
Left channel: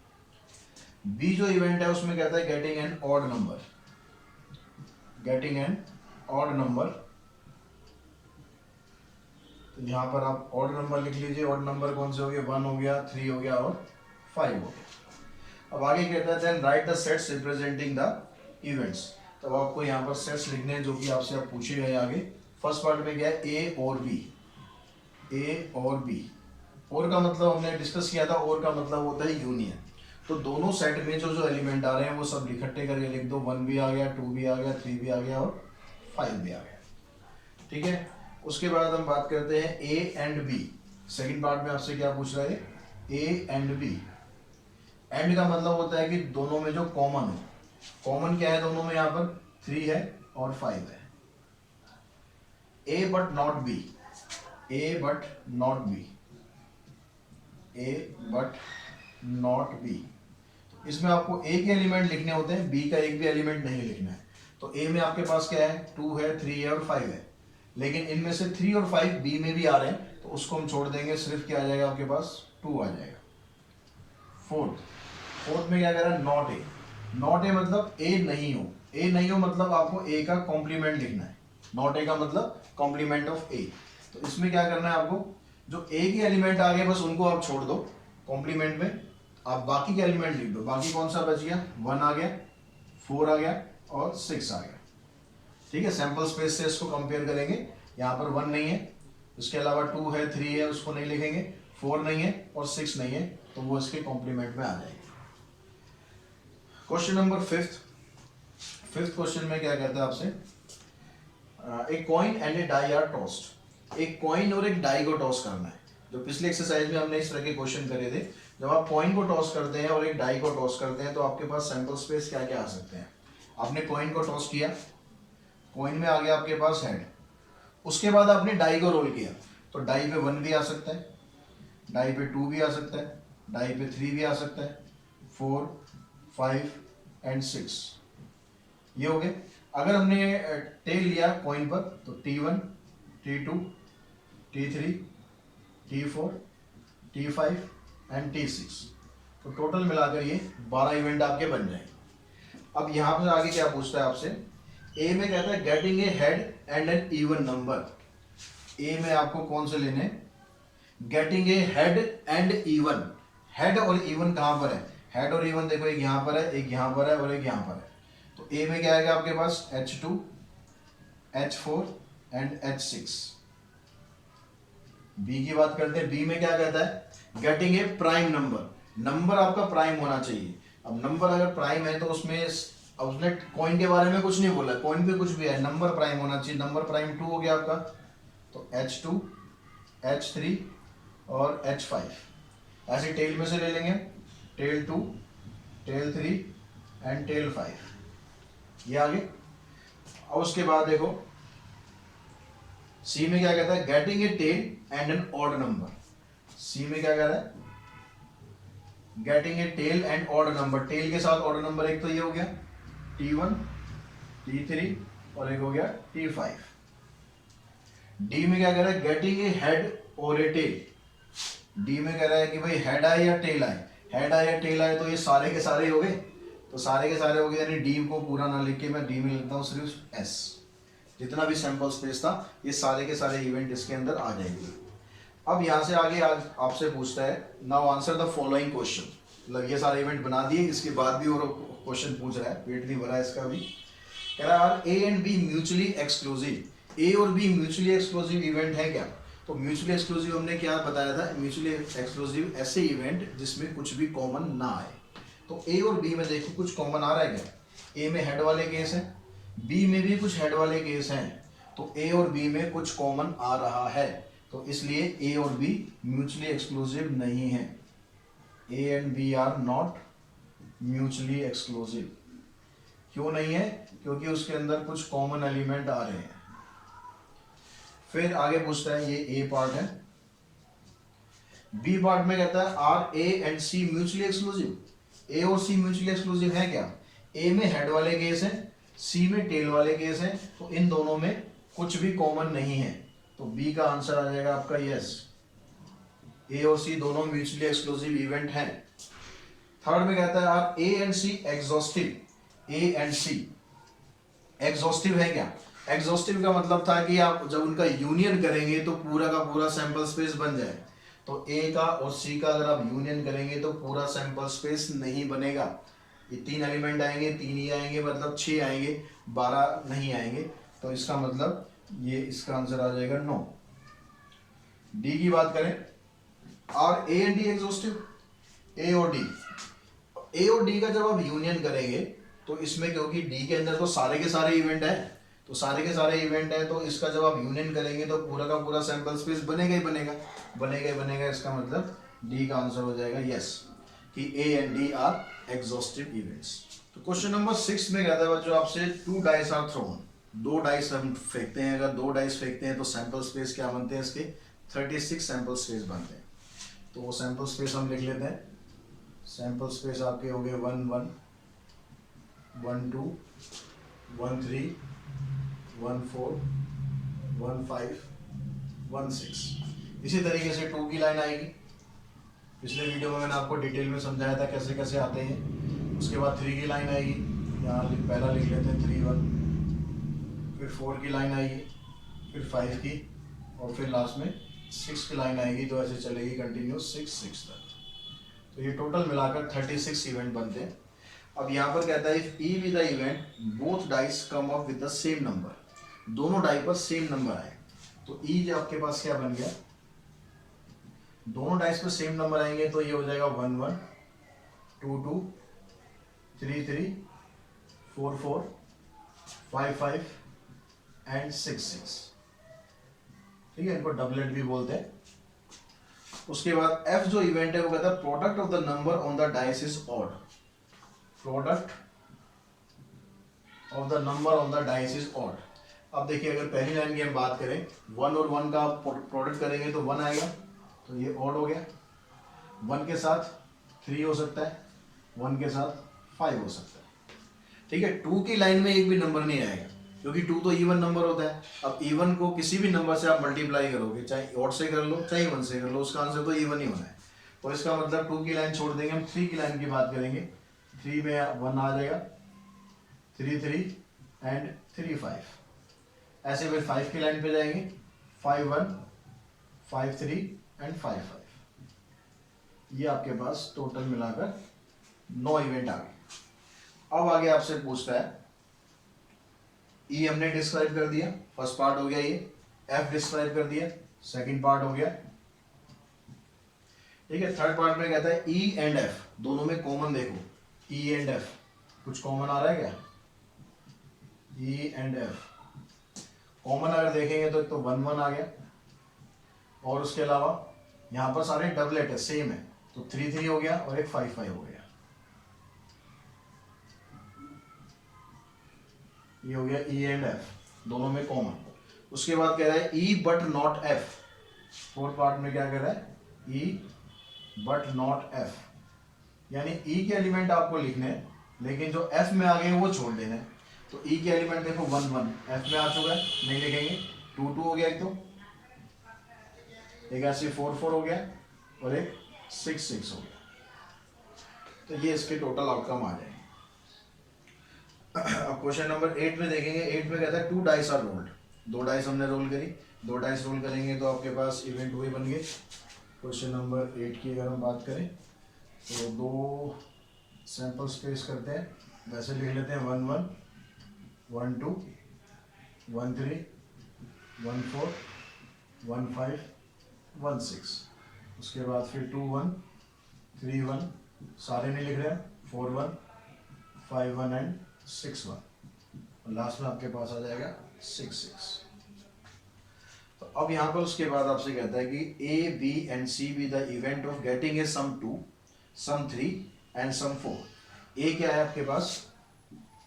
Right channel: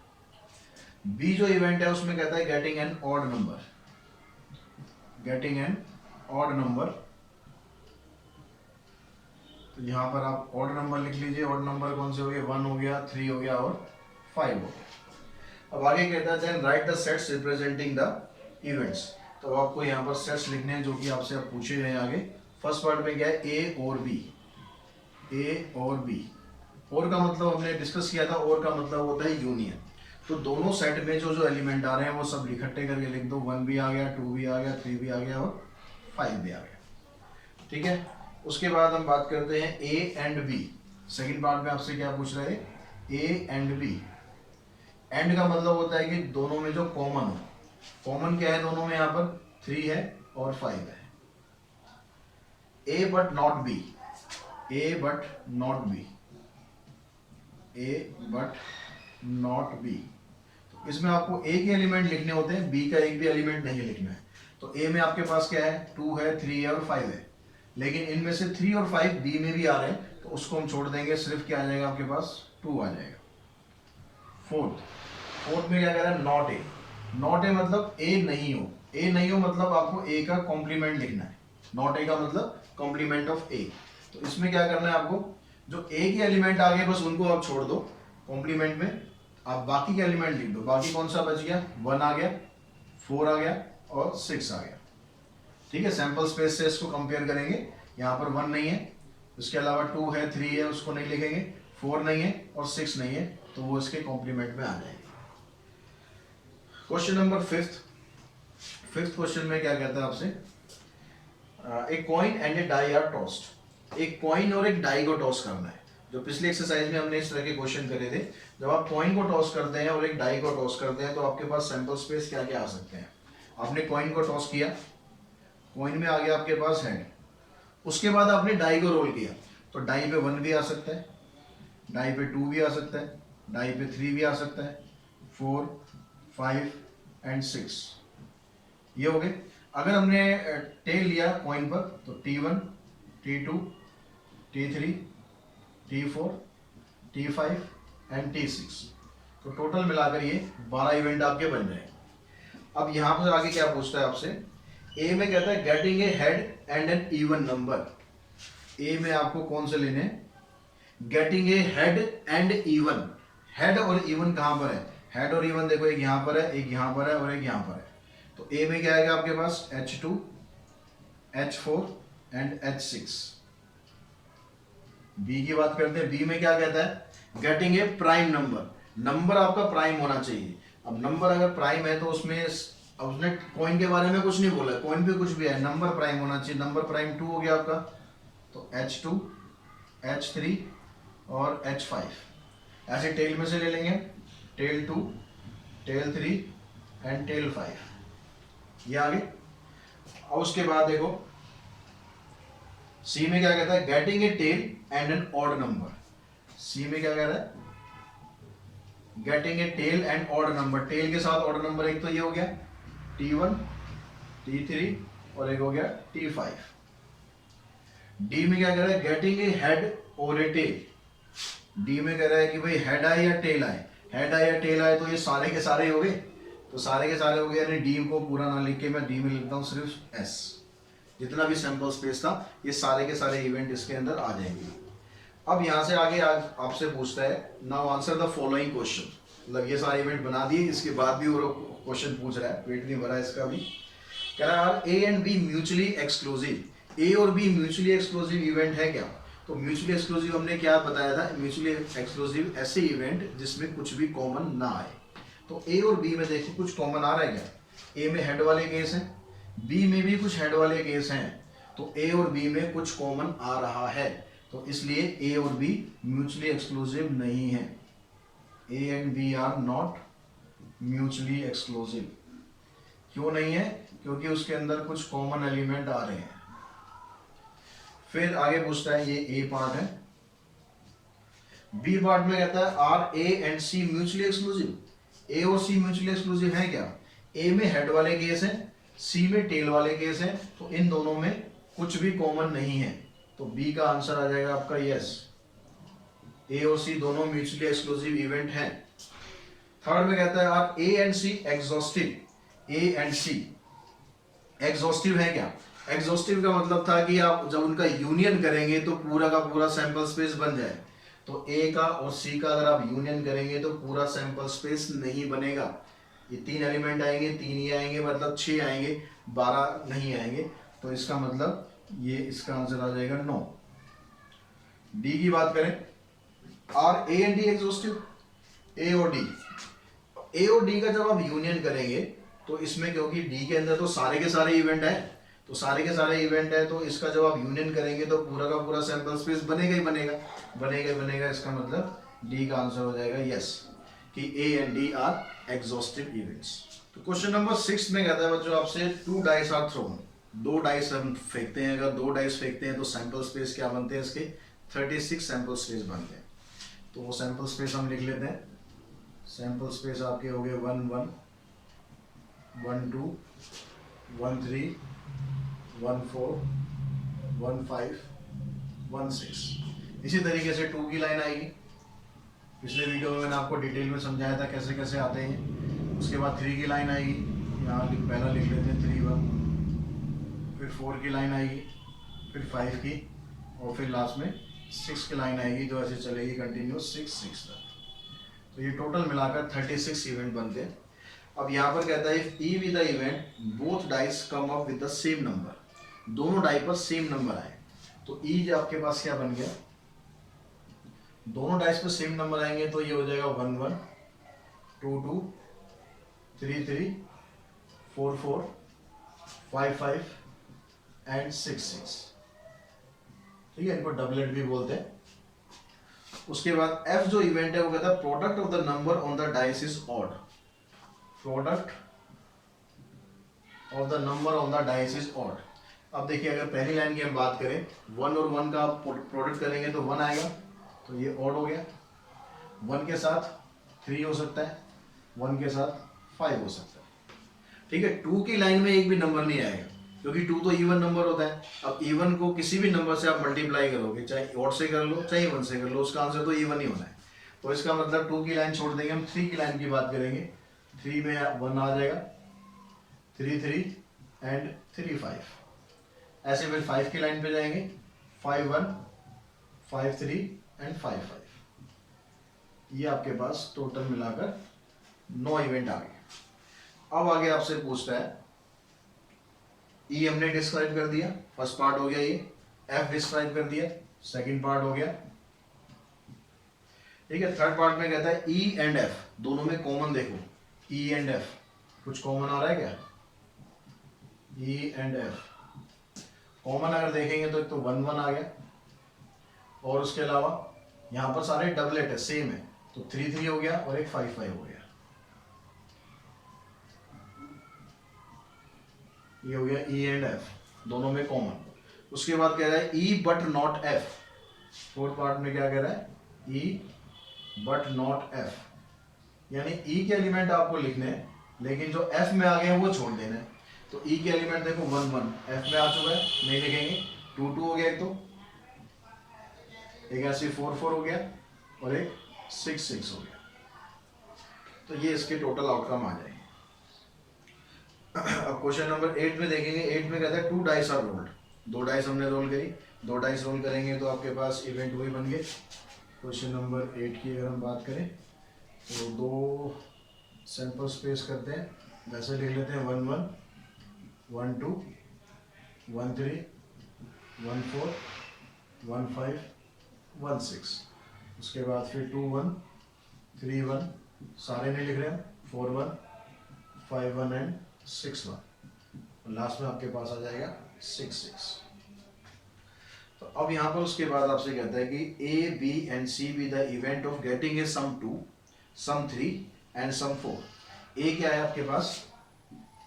बी जो इवेंट है उसमें कहता है getting an odd number, getting an odd number. तो यहाँ पर आप ऑड नंबर लिख लीजिए। ऑड नंबर कौन से हो गए, 1 हो गया, 3 हो गया और 5 हो गया। अब आगे कहता है then write the sets representing the events. तो आपको यहाँ पर सेट्स लिखने हैं जो कि आपसे आप पूछे गए आगे। फर्स्ट पार्ट में क्या है, ए और बी, ए और बी। और का मतलब हमने डिस्कस किया था, और का मतलब होता है यूनियन। तो दोनों सेट में जो जो एलिमेंट आ रहे हैं वो सब इकट्ठे करके लिख दो। 1 भी आ गया, 2 भी आ गया, 3 भी आ गया और 5 भी आ गया, ठीक है। उसके बाद हम बात करते हैं A and B. Second part में आपसे क्या पूछ रहा है, ए एंड बी। एंड का मतलब होता है कि दोनों में जो कॉमन हो। कॉमन क्या है दोनों में, यहाँ पर 3 है और 5 है। A but not B, A but not B, A but not B. तो इसमें आपको ए के एलिमेंट लिखने होते हैं, बी का एक भी एलिमेंट नहीं लिखना है। तो ए में आपके पास क्या है, 2 है, 3 है और 5 है। लेकिन इनमें से 3 और 5 बी में भी आ रहे हैं, तो उसको हम छोड़ देंगे, सिर्फ क्या आ जाएगा आपके पास 2 आ जाएगा। फोर्थ में क्या कह रहा है, नॉट ए। नॉट ए मतलब ए नहीं हो, ए नहीं हो मतलब आपको ए का कॉम्प्लीमेंट लिखना है, नॉट ए का मतलब कॉम्प्लीमेंट ऑफ ए। तो इसमें क्या करना है आपको, जो ए के एलिमेंट आ गए बस उनको आप छोड़ दो कॉम्प्लीमेंट में, आप बाकी के एलिमेंट लिख दो। बाकी कौन सा बच गया, 1 आ गया, 4 आ गया और 6 आ गया। ठीक है, सैंपल स्पेस से इसको कंपेयर करेंगे, यहाँ पर 1 नहीं है, इसके अलावा 2 है, 3 है, उसको नहीं लिखेंगे, 4 नहीं है और 6 नहीं है, तो वो इसके कॉम्प्लीमेंट में आ जाएंगे। क्वेश्चन नंबर फिफ्थ क्वेश्चन में क्या कहता है आपसे, a coin and a die are tossed. एक कॉइन और एक डाई को टॉस करना है। जो पिछले एक्सरसाइज में हमने इस तरह के क्वेश्चन करे थे, जब आप कॉइन को टॉस करते हैं और एक डाई को टॉस करते हैं तो आपके पास सैंपल स्पेस क्या क्या आ सकते हैं। आपने कॉइन को टॉस किया, कॉइन में आ गया आपके पास हेड, उसके बाद आपने डाई को रोल किया, तो डाई पे 1 भी आ सकता है, डाई पे 2 भी आ सकता है, डाई पे 3 भी आ सकता है, 4, 5 एंड 6 ये हो गए। अगर हमने टेल लिया कॉइन पर तो T1, T2, T3, T4, T5 and T6, तो टोटल मिलाकर ये 12 इवेंट आपके बन जाए। अब यहाँ पर आगे क्या पूछता है आपसे, ए में कहता है getting a head and an even number. A में आपको कौन से लेने, getting a head and even. Head और इवन कहाँ पर है, हेड और इवन देखो, एक यहाँ पर है, एक यहाँ पर है और एक यहाँ पर है। तो ए में क्या आएगा आपके पास, H2, H4 and H6। B की बात करते हैं, बी में क्या कहता है, getting a prime number. Number आपका प्राइम होना चाहिए। अब नंबर अगर प्राइम है तो उसमें, अब उसने कॉइन के बारे में कुछ नहीं बोला, कॉइन पे कुछ भी है, नंबर प्राइम होना चाहिए। नंबर प्राइम 2 हो गया आपका, तो H2, H3 और H5। ऐसे टेल में से ले लेंगे, टेल 2, टेल 3 एंड टेल 5, ये आगे। अब उसके बाद देखो सी में क्या कहता है, getting a tail and an odd number. C में क्या कहता है, getting a tail and odd number. Tail के साथ ऑड नंबर एक तो ये हो गया T1, T3 और एक हो गया T5। डी में क्या कह रहा है, गेटिंग ए हेड और ए टेल। डी में कह रहा है कि भाई हेड आए या टेल आए, हेड आए या टेल आए, तो ये सारे के सारे हो गए, तो सारे के सारे हो गए, यानी डी को पूरा ना लिख के मैं डी में लिखता हूँ सिर्फ एस। जितना भी सैंपल स्पेस था ये सारे के सारे इवेंट इसके अंदर आ जाएंगे। अब यहाँ से आगे आपसे पूछता है, now answer the following question. मतलब ये सारे इवेंट बना दिए, इसके बाद भी और क्वेश्चन पूछ रहा है, वेट नहीं भरा इसका भी। कह रहा है A and B mutually exclusive. A और बी म्यूचुअली एक्सक्लूसिव इवेंट है क्या, तो म्यूचुअली एक्सक्लूसिव हमने क्या बताया था, म्यूचुअली एक्सक्लूसिव ऐसे इवेंट जिसमें कुछ भी कॉमन ना आए। तो ए और बी में देखो कुछ कॉमन आ रहा है क्या, ए में हेड वाले केस है, बी में भी कुछ हेड वाले केस हैं, तो ए और बी में कुछ कॉमन आ रहा है, तो इसलिए ए और बी म्यूचुअली एक्सक्लूसिव नहीं है। A and B are not mutually exclusive. क्यों नहीं है, क्योंकि उसके अंदर कुछ कॉमन एलिमेंट आ रहे हैं। फिर आगे पूछता है, ये ए पार्ट है। बी पार्ट में कहता है are A and C mutually exclusive. A और सी म्यूचुअली एक्सक्लूसिव है क्या, ए में हेड वाले केस हैं, सी में टेल वाले केस हैं, तो इन दोनों में कुछ भी कॉमन नहीं है, तो बी का आंसर आ जाएगा आपका यस। ए और सी दोनों म्यूचुअली एक्सक्लूसिव इवेंट हैं। थर्ड में कहता है आप A and C exhaustive. A and C exhaustive है क्या, एग्जॉस्टिव का मतलब था कि आप जब उनका यूनियन करेंगे तो पूरा का पूरा सैंपल स्पेस बन जाए। तो ए का और सी का अगर आप यूनियन करेंगे तो पूरा सैंपल स्पेस नहीं बनेगा। ये 3 एलिमेंट आएंगे, 3 ही आएंगे, मतलब 6 आएंगे, 12 नहीं आएंगे, तो इसका मतलब ये इसका आंसर आ जाएगा नो। डी की बात करें, are A and D exhaustive, A और डी। ए और डी का जब आप यूनियन करेंगे तो इसमें, क्योंकि डी के अंदर तो सारे के सारे इवेंट है, तो सारे के सारे इवेंट है, तो इसका जब आप यूनियन करेंगे तो पूरा का पूरा सैंपल स्पेस बनेगा ही बनेगा, बनेगा ही बनेगा। इसका मतलब डी का आंसर हो जाएगा यस, कि ए and D R exhaustive events. तो क्वेश्चन नंबर 6 में कहता है बच्चों आपसे, 2 डाइस आर थ्रोन। 2 डाइस हम फेंकते हैं, अगर 2 डाइस फेंकते हैं तो सैंपल स्पेस क्या बनते हैं इसके, 36 सैंपल स्पेस बनते हैं। तो वो सैंपल स्पेस हम लिख लेते हैं। सैंपल स्पेस आपके हो गए 1 1, 1 2, 1 3, 1 4, 1516। इसी तरीके से 2 की लाइन आएगी। पिछले वीडियो में मैंने आपको डिटेल में समझाया था कैसे कैसे आते हैं। उसके बाद 3 की लाइन आएगी, यहाँ पहला लिख लेते हैं 3 1। फिर 4 की लाइन आएगी, फिर 5 की, और फिर लास्ट में 6 की लाइन आएगी, जो ऐसे चलेगी कंटिन्यू 6 6 तक। तो ये टोटल मिलाकर 36 इवेंट बनते हैं। अब यहाँ पर कहता है if E with the event both dice come up with the same number, दोनों डाई पर सेम नंबर आए, तो ई जो आपके पास क्या बन गया, दोनों डाइस पर सेम नंबर आएंगे तो ये हो जाएगा 1 1 2 2 3 3 4 4 5 5 एंड 6 6। ठीक है, इनको डबलेट भी बोलते हैं। उसके बाद एफ जो इवेंट है वो कहता है product of the number on the dice is odd. Product of the number on the dice is odd. अब देखिए, अगर पहली लाइन की हम बात करें, 1 और 1 का प्रोडक्ट करेंगे तो 1 आएगा, तो ये ऑड हो गया। 1 के साथ 3 हो सकता है, 1 के साथ 5 हो सकता है। ठीक है, 2 की लाइन में एक भी नंबर नहीं आएगा, क्योंकि 2 तो इवन नंबर होता है। अब इवन को किसी भी नंबर से आप मल्टीप्लाई करोगे, चाहे ऑड से कर लो चाहे इवन से कर लो, उसका आंसर तो इवन ही होना है। तो इसका मतलब 2 की लाइन छोड़ देंगे, हम 3 की लाइन की बात करेंगे। 3 में 1 आ जाएगा, 3 3 एंड 3 5। ऐसे फिर 5 की लाइन पे जाएंगे, 5 1 5 3 एंड 5 5। ये आपके पास टोटल मिलाकर 9 इवेंट आ गए। अब आगे आपसे पूछता है, ई हमने डिस्क्राइब कर दिया, फर्स्ट पार्ट हो गया, ये एफ डिस्क्राइब कर दिया, सेकंड पार्ट हो गया। ठीक है, थर्ड पार्ट में कहता है ई एंड एफ दोनों में कॉमन देखो। ई एंड एफ कुछ कॉमन आ रहा है क्या? ई एंड एफ कॉमन अगर देखेंगे तो एक तो 1 1 आ गया, और उसके अलावा यहां पर सारे डबलेट है, सेम है, तो 3 3 हो गया और एक 5 5 हो गया। ये हो गया ई एंड एफ दोनों में कॉमन। उसके बाद कह रहा है E but not F. Fourth part में क्या कह रहा है? ई बट नॉट एफ, यानी ई के एलिमेंट आपको लिखने हैं, लेकिन जो एफ में आ गए हैं वो छोड़ देना है। तो ई के एलिमेंट देखो 1 1 एफ में आ चुका है, नहीं लिखेंगे। 2 2 हो गया, एक तो एक ऐसे 4 4 हो गया, और एक 6 6 हो गया। तो ये इसके टोटल आउटकम आ जाएंगे। अब क्वेश्चन नंबर 8 में देखेंगे। 8 में कहता है 2 डाइस आर रोल्ड। 2 डाइस हमने रोल करी, 2 डाइस रोल करेंगे तो आपके पास इवेंट वही बन गए। क्वेश्चन नंबर 8 की अगर हम बात करें तो 2 सैंपल स्पेस करते हैं, वैसे लिख लेते हैं 1 1 1 2 1 3 1 4 1 5 1 6। उसके बाद फिर 2 1 3 1, सारे नहीं लिख रहे हैं, 4 1 5 1 एंड 6 1, और लास्ट में आपके पास आ जाएगा 6 6। तो अब यहाँ पर उसके बाद आपसे कहता है कि A B and C be the event of getting a sum 2 sum 3 and sum 4। A क्या है आपके पास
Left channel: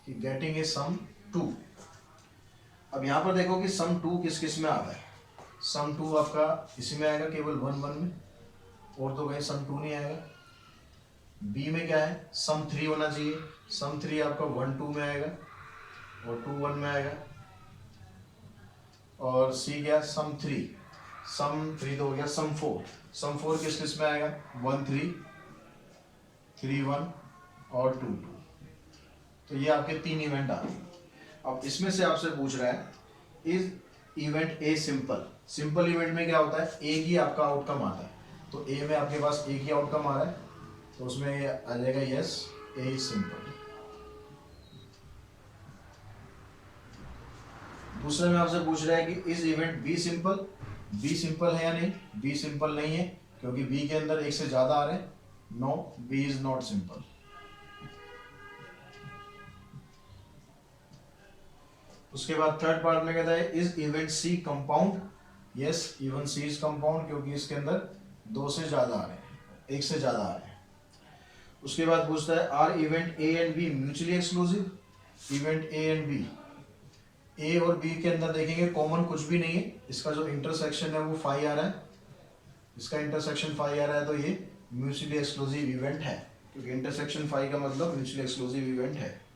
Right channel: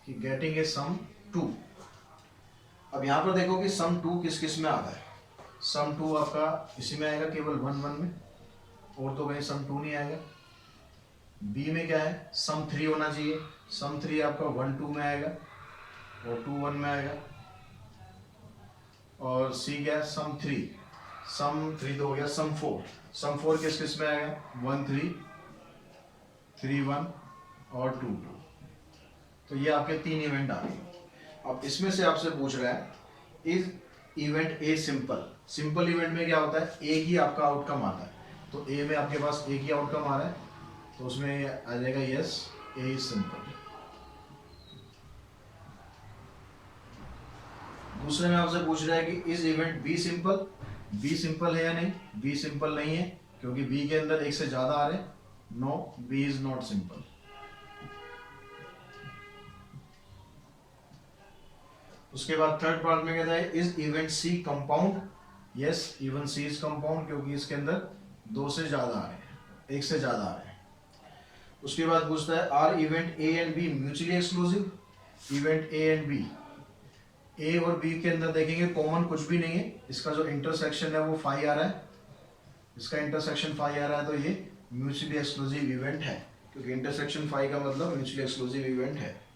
कि गेटिंग ए सम 2। अब यहाँ पर देखो कि सम 2 किस किस में आता है। सम 2 आपका इसी में आएगा, केवल 1 1 में, और तो कहीं सम 2 नहीं आएगा। बी में क्या है? सम 3 होना चाहिए। सम 3 आपका 1 2 में आएगा और 2 1 में आएगा। और सी क्या है? सम 3। सम 3 तो हो गया। सम 4, सम 4 किस किस में आएगा? 1 3 3 1 और 2 2। तो ये आपके 3 इवेंट आ गए। अब इसमें से आपसे पूछ रहा है is event a simple. Simple event में क्या होता है? एक ही आपका आउटकम आता है। तो ए में आपके पास एक ही आउटकम आ रहा है, तो उसमें आ जाएगा यस ए इज सिंपल। दूसरे में आपसे पूछ रहा है कि is event B simple. B simple है या नहीं? बी सिंपल नहीं है, क्योंकि बी के अंदर एक से ज्यादा आ रहे हैं। No, B is not simple. उसके बाद थर्ड पार्ट में कहता है is event C compound. Yes, even C is compound, क्योंकि इसके अंदर 2 से ज्यादा आ रहे हैं, एक से ज्यादा आ रहे हैं। उसके बाद पूछता है are event A and B mutually exclusive. Event A and B, A और बी के अंदर देखेंगे कॉमन कुछ भी नहीं है। इसका जो इंटरसेक्शन है वो 5 आ रहा है, इसका इंटरसेक्शन 5 आ रहा है, तो ये म्यूचुअली एक्सक्लूसिव इवेंट है, क्योंकि इंटरसेक्शन 5 का मतलब म्यूचुअली एक्सक्लूसिव इवेंट है।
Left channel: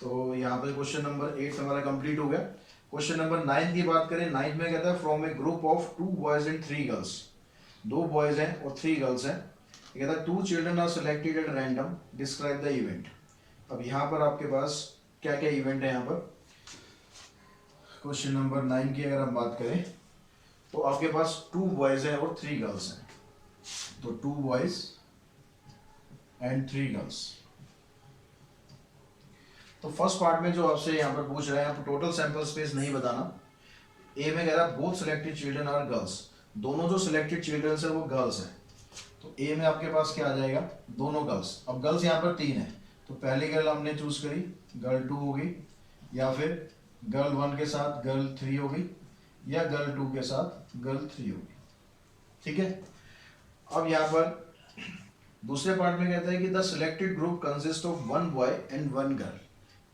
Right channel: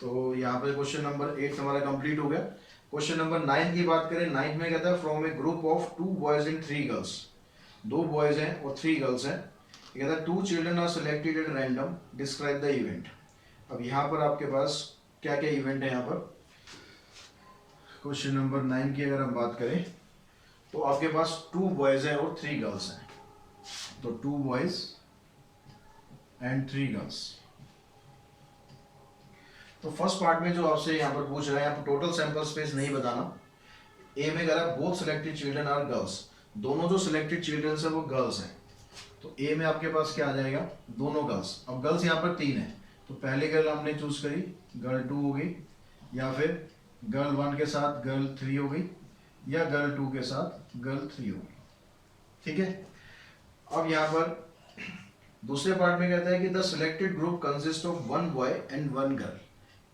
तो यहाँ पर क्वेश्चन नंबर 8 हमारा कंप्लीट हो गया। क्वेश्चन नंबर 9 की बात करें, 9 में कहता है from a group of 2 boys and 3 girls, 2 boys हैं और 3 गर्ल्स हैं। ये कहता है 2 children are selected at random, describe the event. अब यहाँ पर आपके पास क्या क्या इवेंट है। यहाँ पर क्वेश्चन नंबर 9 की अगर हम बात करें तो आपके पास 2 बॉयज हैं और 3 गर्ल्स हैं। तो 2 बॉयज एंड 3 गर्ल्स। तो फर्स्ट पार्ट में जो आपसे यहाँ पर पूछ रहे हैं, आप टोटल सैंपल स्पेस नहीं बताना। ए में कह रहा है both selected children are girls, दोनों जो सिलेक्टेड चिल्ड्रन है वो गर्ल्स हैं। तो ए में आपके पास क्या आ जाएगा, दोनों गर्ल्स। अब गर्ल्स यहाँ पर 3 है, तो पहली गर्ल हमने चूज करी, गर्ल 2 हो गई, या फिर गर्ल 1 के साथ गर्ल 3 हो गई, या गर्ल 2 के साथ गर्ल 3 हो गई। ठीक है। अब यहाँ पर दूसरे पार्ट में कहता है कि the selected group consist of 1 boy and 1 girl,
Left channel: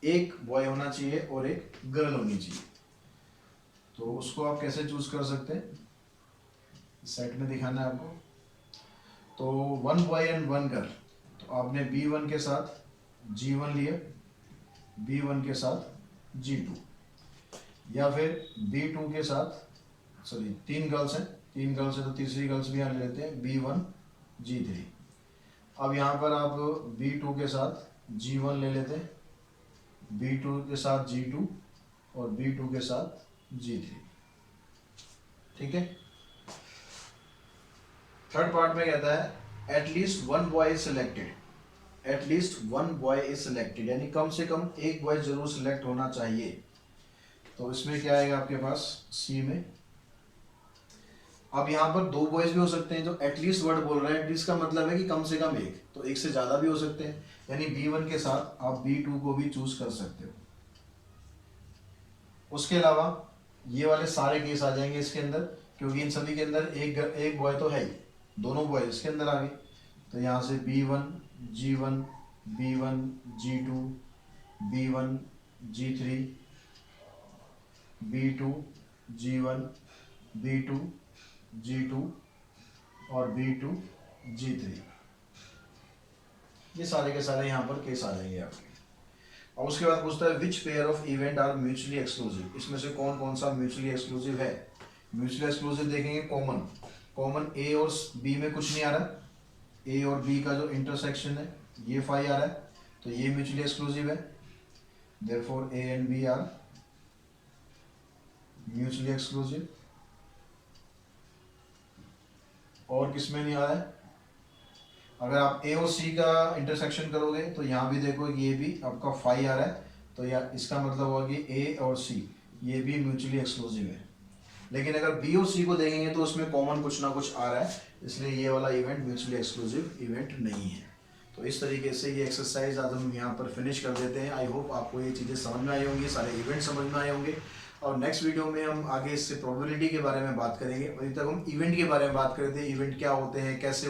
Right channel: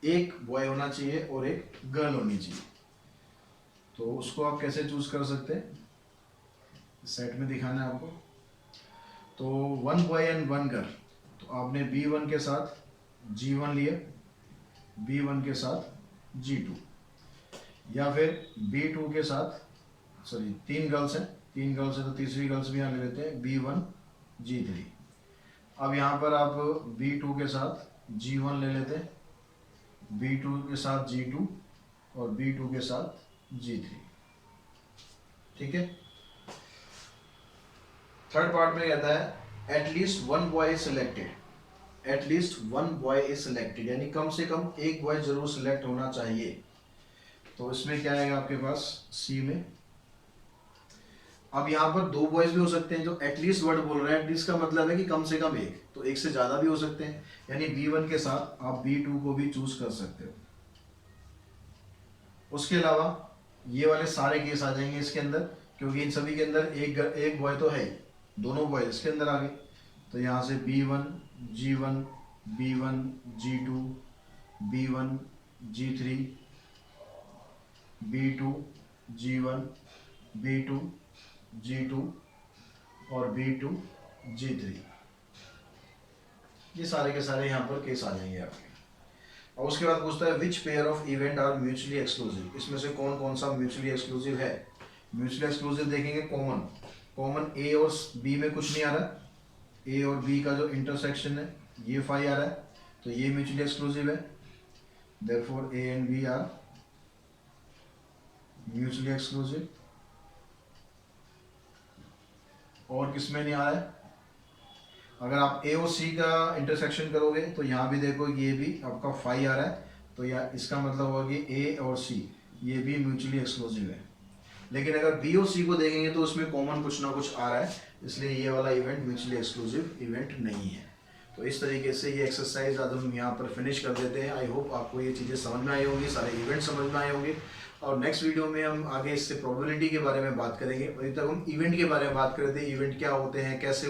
एक बॉय होना चाहिए और एक गर्ल होनी चाहिए। तो उसको आप कैसे चूज कर सकते हैं, सेट में दिखाना है आपको। तो 1 बॉय एंड 1 गर्ल, तो आपने B1 के साथ G1 लिए, B1 के साथ G2, या फिर B2 के साथ, सॉरी 3 गर्ल्स हैं, 3 गर्ल्स हैं तो तीसरी गर्ल्स भी यहाँ ले लेते हैं, B1 G3। अब यहाँ पर आप B2 के साथ G1 ले लेते हैं, B2 के साथ G2 और B2 के साथ G3। ठीक है। थर्ड पार्ट में कहता है at least 1 boy is selected, at least 1 boy is selected, यानी कम से कम एक बॉय जरूर सिलेक्ट होना चाहिए। तो इसमें क्या आएगा आपके पास सी में। अब यहाँ पर 2 बॉयज भी हो सकते हैं, जो एटलीस्ट वर्ड बोल रहा है, एटलीस्ट का मतलब है कि कम से कम एक, तो एक से ज़्यादा भी हो सकते हैं, यानी B1 के साथ आप B2 को भी चूज कर सकते हो। उसके अलावा ये वाले सारे केस आ जाएंगे इसके अंदर, क्योंकि इन सभी के अंदर एक बॉय तो है ही, दोनों बॉय इसके अंदर आ गए। तो यहाँ से B1 G1, B1 G2, B1 G3, B2 G1, B2 G2 और B2 G3, ये सारे के सारे यहाँ पर केस आ जाएंगे आपके। और उसके बाद पूछता है which pair of event are mutually exclusive, इसमें से कौन कौन सा म्यूचुअली एक्सक्लूसिव है। म्यूचुअली एक्सक्लूसिव देखेंगे, कॉमन ए और बी में कुछ नहीं आ रहा, ए और बी का जो इंटरसेक्शन है ये 5 आ रहा है, तो ये म्यूचुअली एक्सक्लूसिव है, therefore A and B are mutually exclusive. और किसमें नहीं आ रहा है, अगर आप ए और सी का इंटरसेक्शन करोगे तो यहाँ भी देखो ये भी आपका 5 आ रहा है, तो या इसका मतलब होगा कि ए और सी ये भी म्यूचुअली एक्सक्लूसिव है। लेकिन अगर बी और सी को देखेंगे तो उसमें कॉमन कुछ ना कुछ आ रहा है, इसलिए ये वाला इवेंट म्यूचुअली एक्सक्लूसिव इवेंट नहीं है। तो इस तरीके से ये एक्सरसाइज आज हम यहाँ पर फिनिश कर देते हैं। आई होप आपको ये चीज़ें समझ में आई होंगी, सारे इवेंट समझ में आए होंगे। और नेक्स्ट वीडियो में हम आगे इससे प्रोबेबिलिटी के बारे में बात करेंगे। अभी तक हम इवेंट के बारे में बात कर रहे थे, इवेंट क्या होते हैं, कैसे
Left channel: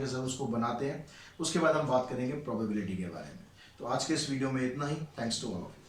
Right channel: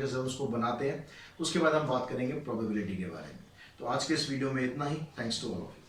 कैसे उसको बनाते हैं। उसके बाद हम बात करेंगे प्रोबेबिलिटी के बारे में। तो आज के इस वीडियो में इतना ही। Thanks to all of you.